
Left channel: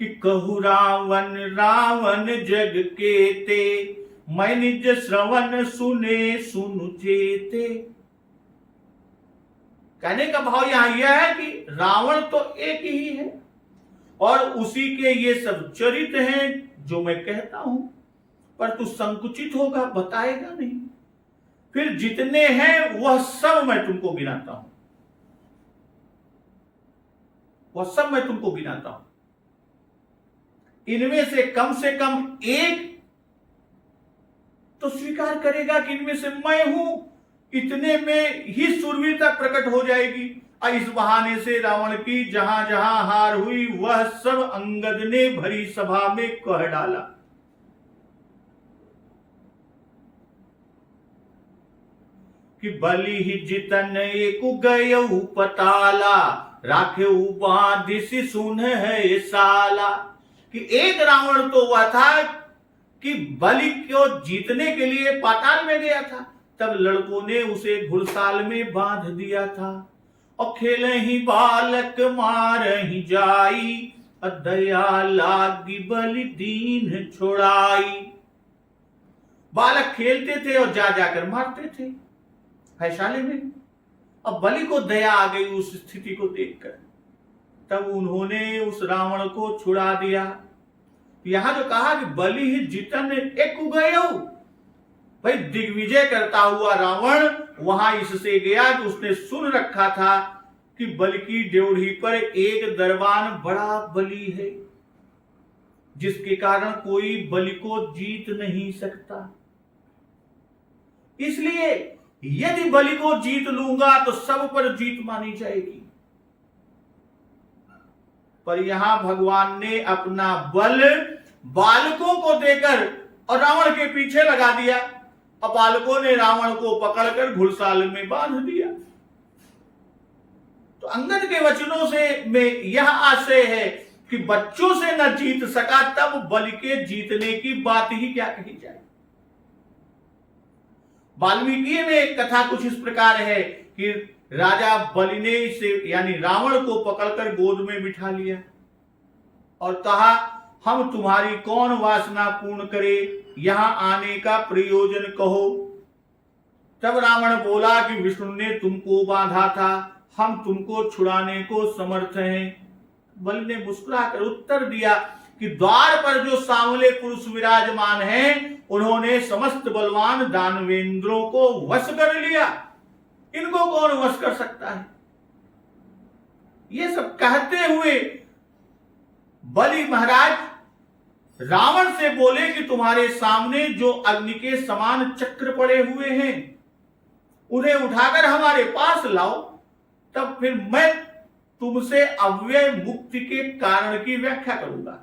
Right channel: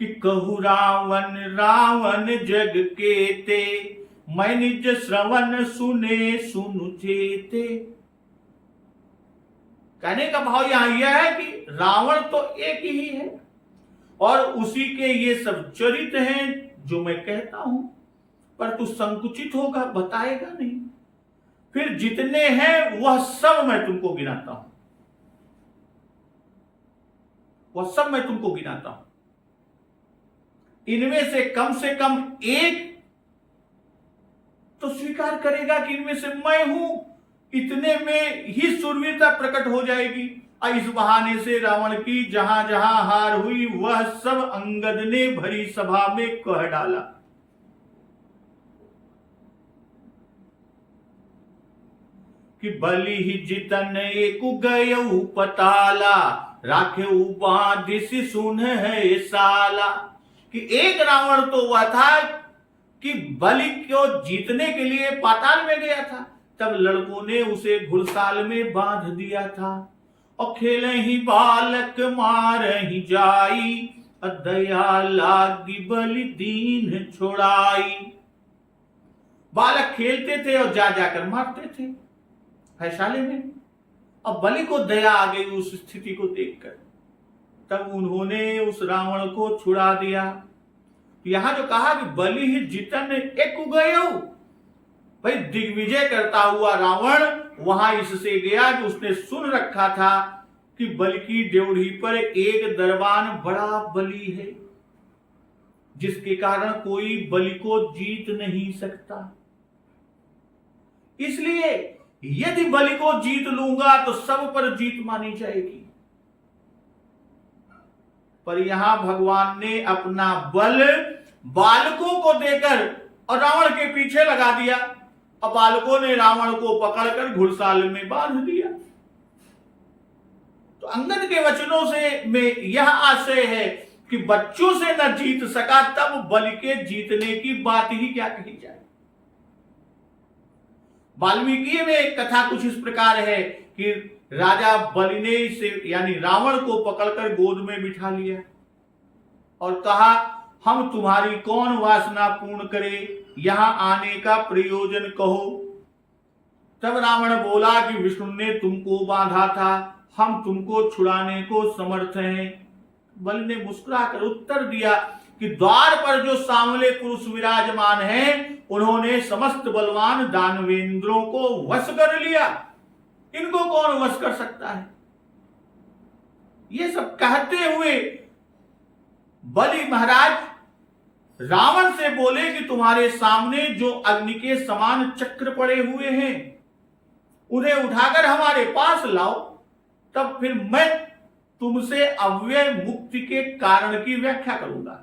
कि कहु रावण रावण जग के ते, मैं निज श्रवण सुने सुनु चेते। कहने का भाव यहां यह है कि रावण तो एक ही है, और उसी के ये सब चरित्र हैं जो मैं कहता हूं, पर तू संकुचित होगा, बताएगा नहीं। फिर जितने हैं वह सब मैं तुमको गिनाता हूं, वह सब मैं तुमको गिनाता हूं। इनमें से कम एक तो स्वीकार करेगा कि इनमें से मैं हूं, इतने में ही शूरवीरता प्रकट हो जाएगी। और इस बहाने से रावण की जहां जहां हार हुई वह सब अंगद ने भरी सभा में कह डाला। कि बलि ही जितन एक गयऊ पताला, राखे बाधिस सुन है साला। कि एक रावण तो हुआ था कि बलि को जीतने के लिए पाताल में गया था, तब लड़कों ने उसे घुड़साल में बांध दिया था। और खेले ही बालक मार ही जाई, दया लागी बलि दीन छोड़ाई। बालक खेलते थे और जा जाकर मारते थे फैसाले में, अब बलि को दया आ गई उस स्थिति को देखकर, तब उन्होंने उस रावण को छुड़ा दिया। यहां जो कहा कि बलि ही जितन एक गयऊ, भाई दिग्विजय करता हुआ रावण वहां इससे गया कि उसने सुन रखा था कि बलि की ड्योढ़ी पर एक दरबान बड़ा बलि है, जिसके कारण कोई बलि को जीत नहीं सकता। इसलिए यदि बलि को जीत लूंगा तो सब पर जीत मानी जाएगी। पर यहां भगवान ने अपना बल बालकों को देकर और रावण के पीछे लगा दिया, और बालकों ने रावण को पकड़कर घुड़साल में बांध दिया। तो अंगद के वचनों से में यह आशय है कि बच्चों से न जीत सका, तब बलि के जीतने की बात ही क्या कही जाए। वाल्मीकि में एक कथा कुछ इस प्रकार है कि राजा बलि ने इसे यानी रावण को पकड़कर गोद में बिठा लिया और कहा, हम तुम्हारी कौन वासना पूर्ण करे, यहां आने का प्रयोजन कहो। तब रावण बोला कि विष्णु ने तुमको बांधा था, हम तुमको छुड़ाने को समर्थ हैं। बलि ने मुस्कुराकर उत्तर दिया कि द्वार पर जो सांवले पुरुष विराजमान हैं, उन्होंने समस्त बलवान दानवेंद्रों को वश कर लिया, इनको कौन वश कर सकता है। ये सब कहते हुए बलि महाराज रावण से बोले कि तुम्हारे सामने जो अग्नि के समान चक्र पड़े हुए हैं, उन्हें उठाकर हमारे पास लाओ, तब फिर मैं तुमसे अव्यय मुक्ति के कारण की व्याख्या करूंगा।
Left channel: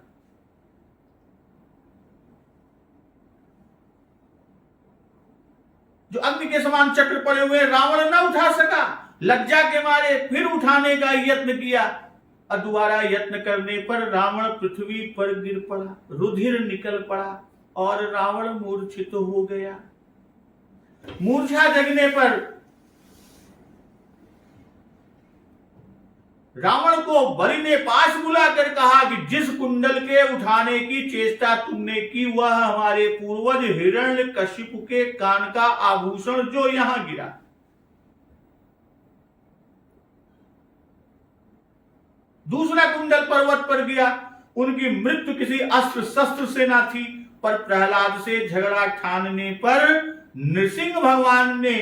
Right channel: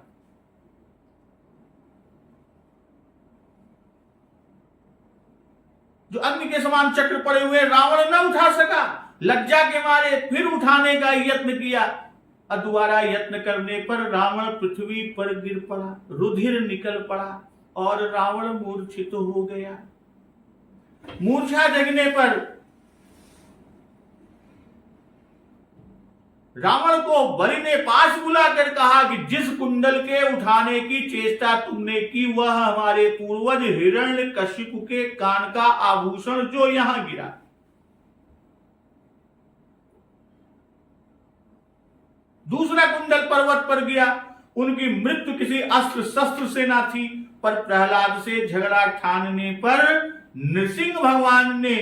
जो अग्नि के समान चक्र पड़े हुए रावण न उठा सका, लज्जा के मारे फिर उठाने का यत्न किया और दोबारा यत्न करने पर रावण पृथ्वी पर गिर पड़ा, रुधिर निकल पड़ा और रावण मूर्छित हो गया। मूर्छा जगने पर रावण को बलि ने पास बुलाकर कहा कि जिस कुंडल के उठाने की चेष्टा तुमने की वह हमारे पूर्वज हिरण्यकशिपु के कान का आभूषण जो यहां गिरा। दूसरा कुंडल पर्वत पर गया। उनकी मृत्यु किसी अस्त्र शस्त्र से ना थी, पर प्रहलाद से झगड़ा ठानने पर नृसिंह भगवान ने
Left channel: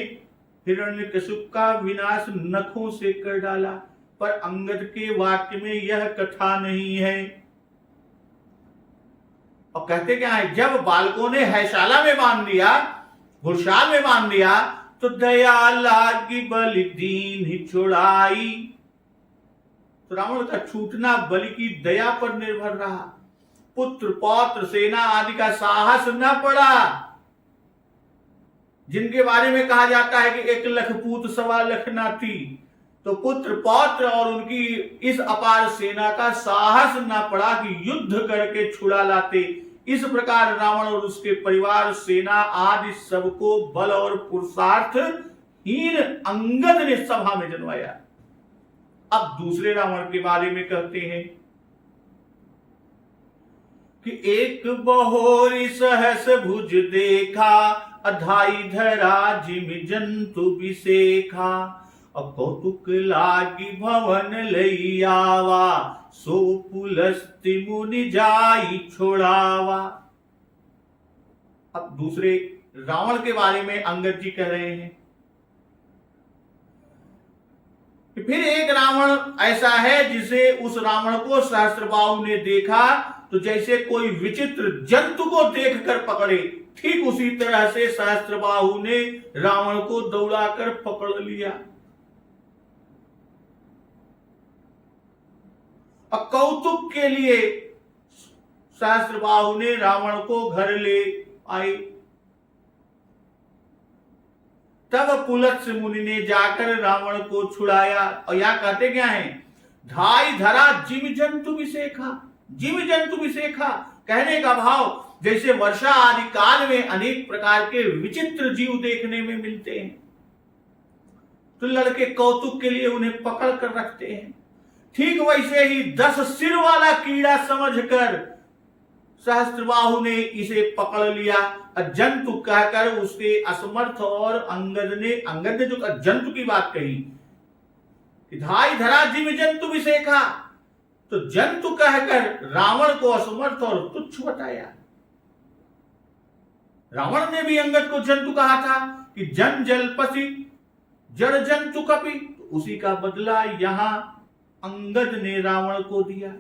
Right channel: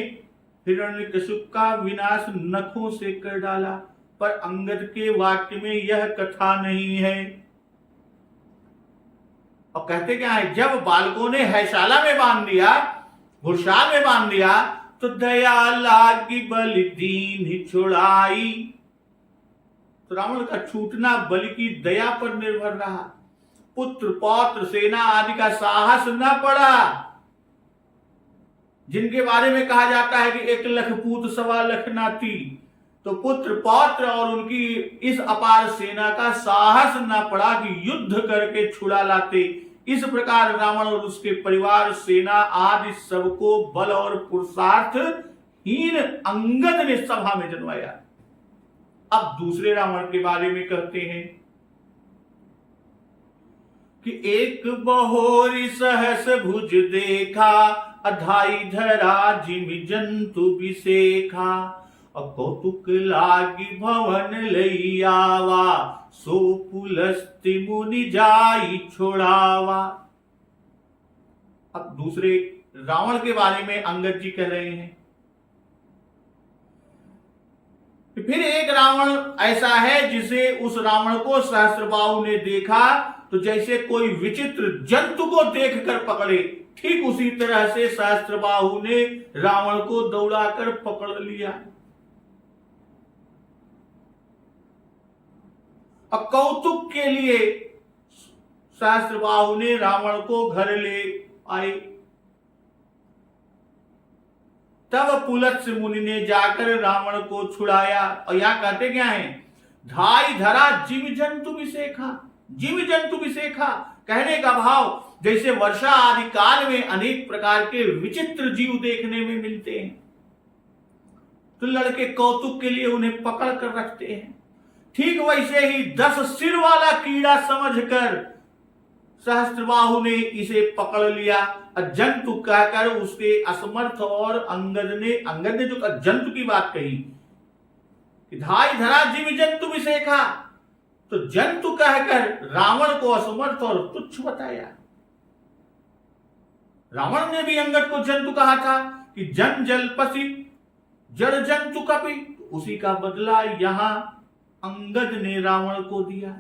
हिरण्यकशिपु का विनाश नखों से कर डाला। पर अंगद के वाक्य में यह कथा नहीं है। और कहते क्या है, जब बालकों ने हैशाला में बांध दिया, घुड़शाल में बांध दिया, तो दया लागी बलि दीन ही छुड़ाई। तो रावण का छूटना बलि की दया पर निर्भर रहा। पुत्र पौत्र सेना आदि का साहस न पड़ा। जिनके बारे में कहा जाता है कि 1 लाख पूत 1.25 लाख नाती, तो पुत्र पौत्र और उनकी इस अपार सेना का साहस न पड़ा कि युद्ध करके छुड़ा लाते। इस प्रकार रावण और उसके परिवार, सेना आदि सबको बल और पुरुषार्थ हीन अंगद ने सभा में जनवाया। अब दूसरे रावण के बारे में कहते हैं कि एक बहोरी सहस भुज देखा, अधाई धरा जिम जंतु बिसेखा, कौतुक लागी भवन लई आवा, सो पुलस्ति मुनि जाई छोड़ावा। अब दूसरे रावण के बारे में अंगद जी कह रहे हैं कि फिर एक रावण ऐसा है जिसे उस रावण को सहस्त्रबाहु ने देखा तो जैसे कोई विचित्र जंतु को देखकर पकड़े, ठीक उसी तरह से सहस्त्रबाहु ने रावण को दौड़ाकर पकड़ लिया। और कौतुक के लिए सहस्त्रबाहु ने रावण को घर ले आए। तब पुलत्स्य मुनि ने जाकर रावण को छुड़ाया। और यहां कहते क्या है, धाई धरा जिम जंतु विसेखा। जिम जंतु विसेखा कहने का भाव जैसे वर्षा आदि काल में अनेक प्रकार के विचित्र जीव देखने में मिलते हैं, तो लड़के कौतुक के लिए उन्हें पकड़ कर रखते हैं। ठीक वैसे ही 10 सिर वाला कीड़ा समझकर सहस्त्रबाहु ने इसे पकड़ लिया। जंतु कहकर उसके असमर्थ और अंगद ने जो जंतु की बात कही, धाई धरा जिम जंतु विसेखा, तो जंतु कहकर रावण को असमर्थ और तुच्छ बताया। रावण ने भी अंगद को जंतु कहा था कि जन जलपसी जड़ जंतु कपि, तो उसी का बदला यहां अंगद ने रावण को दिया।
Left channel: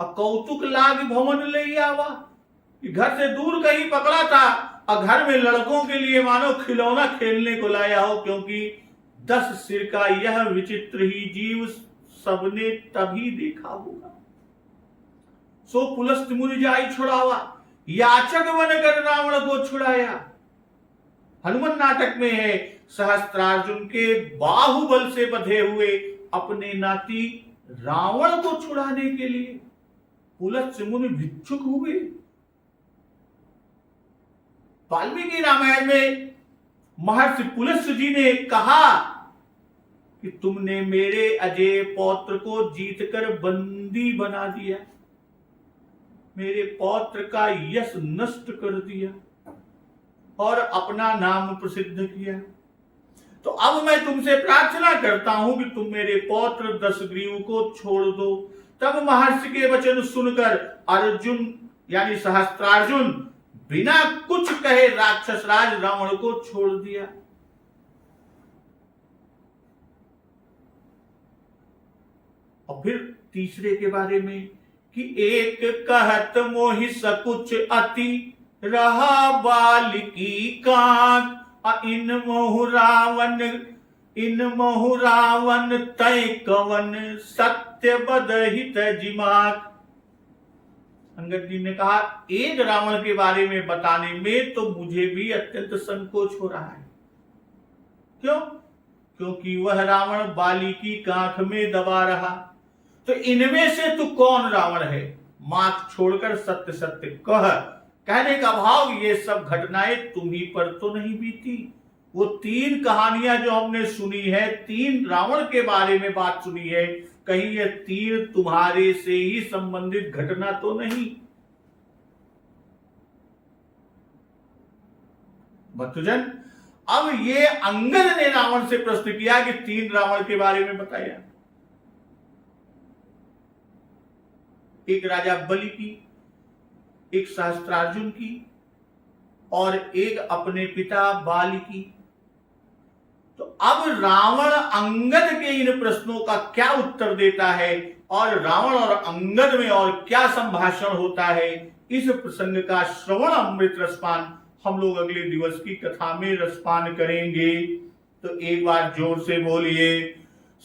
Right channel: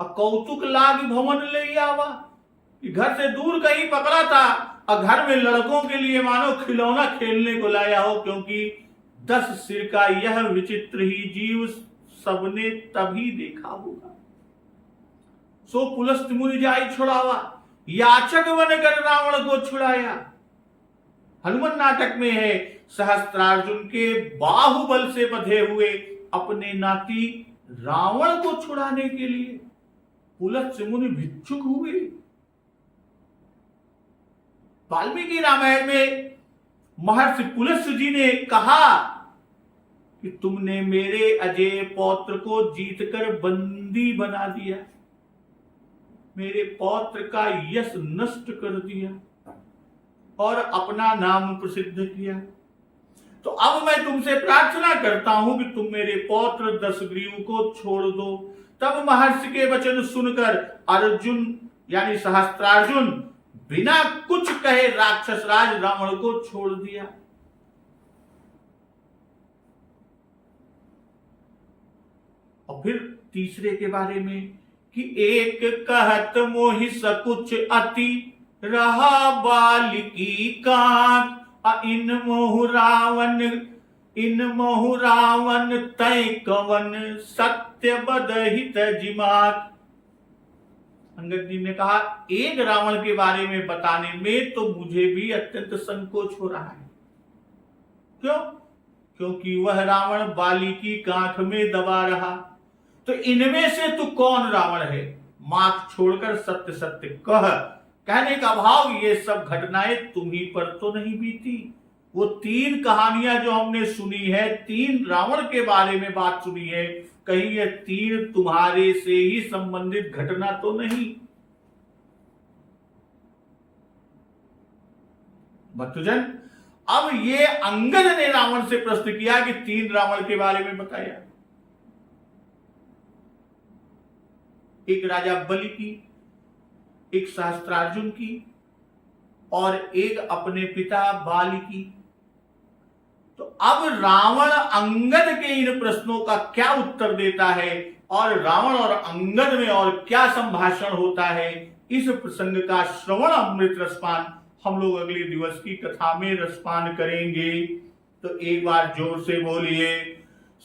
कौतुक लाग भवन ले आवा, कि घर से दूर कहीं पकड़ा था और घर में लड़कों के लिए मानो खिलौना खेलने को लाया हो, क्योंकि 10 सिर का यह विचित्र ही जीव सबने तभी देखा होगा। सो पुलस्त मुनि जाई छुड़ावा, याचक बनकर रावण को छुड़ाया। हनुमान नाटक में है, सहस्त्रार्जुन के बाहुबल से बंधे हुए अपने नाती रावण को छुड़ाने के लिए पुलत्स्य मुनि भिक्षुक हुए। वाल्मीकि रामायण में महर्षि पुलत्स्य जी ने कहा कि तुमने मेरे अजय पौत्र को जीतकर बंदी बना दिया, मेरे पौत्र का यश नष्ट कर दिया और अपना नाम प्रसिद्ध किया। तो अब मैं तुमसे प्रार्थना करता हूं कि तुम मेरे पौत्र दशग्रीव को छोड़ दो। तब महर्षि के वचन सुनकर अर्जुन यानी सहस्त्रार्जुन बिना कुछ कहे राक्षसराज रावण को छोड़ दिया। और फिर तीसरे के बारे में कि एक कहत मोहि सकुच अति, रहा बालिकी कांत, इन मोह रावण इन महु रावण तय कवन सत्य बदहित जिमाक। अंगद जी ने कहा एक रावण के बारे में बताने में तो मुझे भी अत्यंत संकोच हो रहा है। क्यों? क्योंकि वह रावण बाली की कांख में दबा रहा। तो इनमें से तू कौन रावण है? माख छोड़कर सत्य सत्य कह। कहने का भाव ये सब घटनाएं तुम्ही पर तो नहीं बीती। वो 3 कहानियां जो हमने सुनी है, 3 रावण के बारे में बात सुनी है, कहीं ये 3 तुम्हारे से ही संबंधित घटना तो नहीं? भक्तजन, अब ये अंगद ने रावण से प्रश्न किया कि 3 रावण के बारे में बताया। एक राजा बलि की, एक सहस्त्रार्जुन की और एक अपने पिता बाली की। तो अब रावण अंगद के इन प्रश्नों का क्या उत्तर देता है और रावण और अंगद में और क्या संभाषण होता है, इस प्रसंग का श्रवण अमृत रसपान हम लोग अगले दिवस की कथा में रसपान करेंगे। तो एक बार जोर से बोलिए,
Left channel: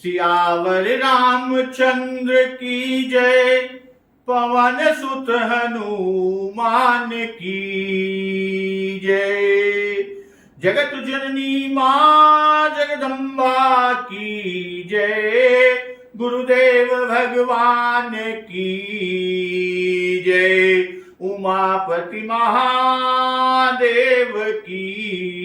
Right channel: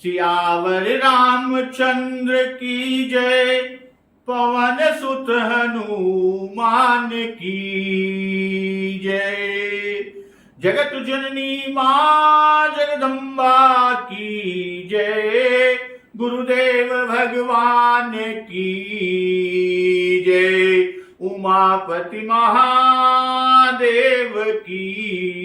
सियावर रामचंद्र की जय, पवन सुत हनुमान की जय। जगत जननी मां जगदम्बा की जय, गुरुदेव भगवान की जय, उमापति महादेव की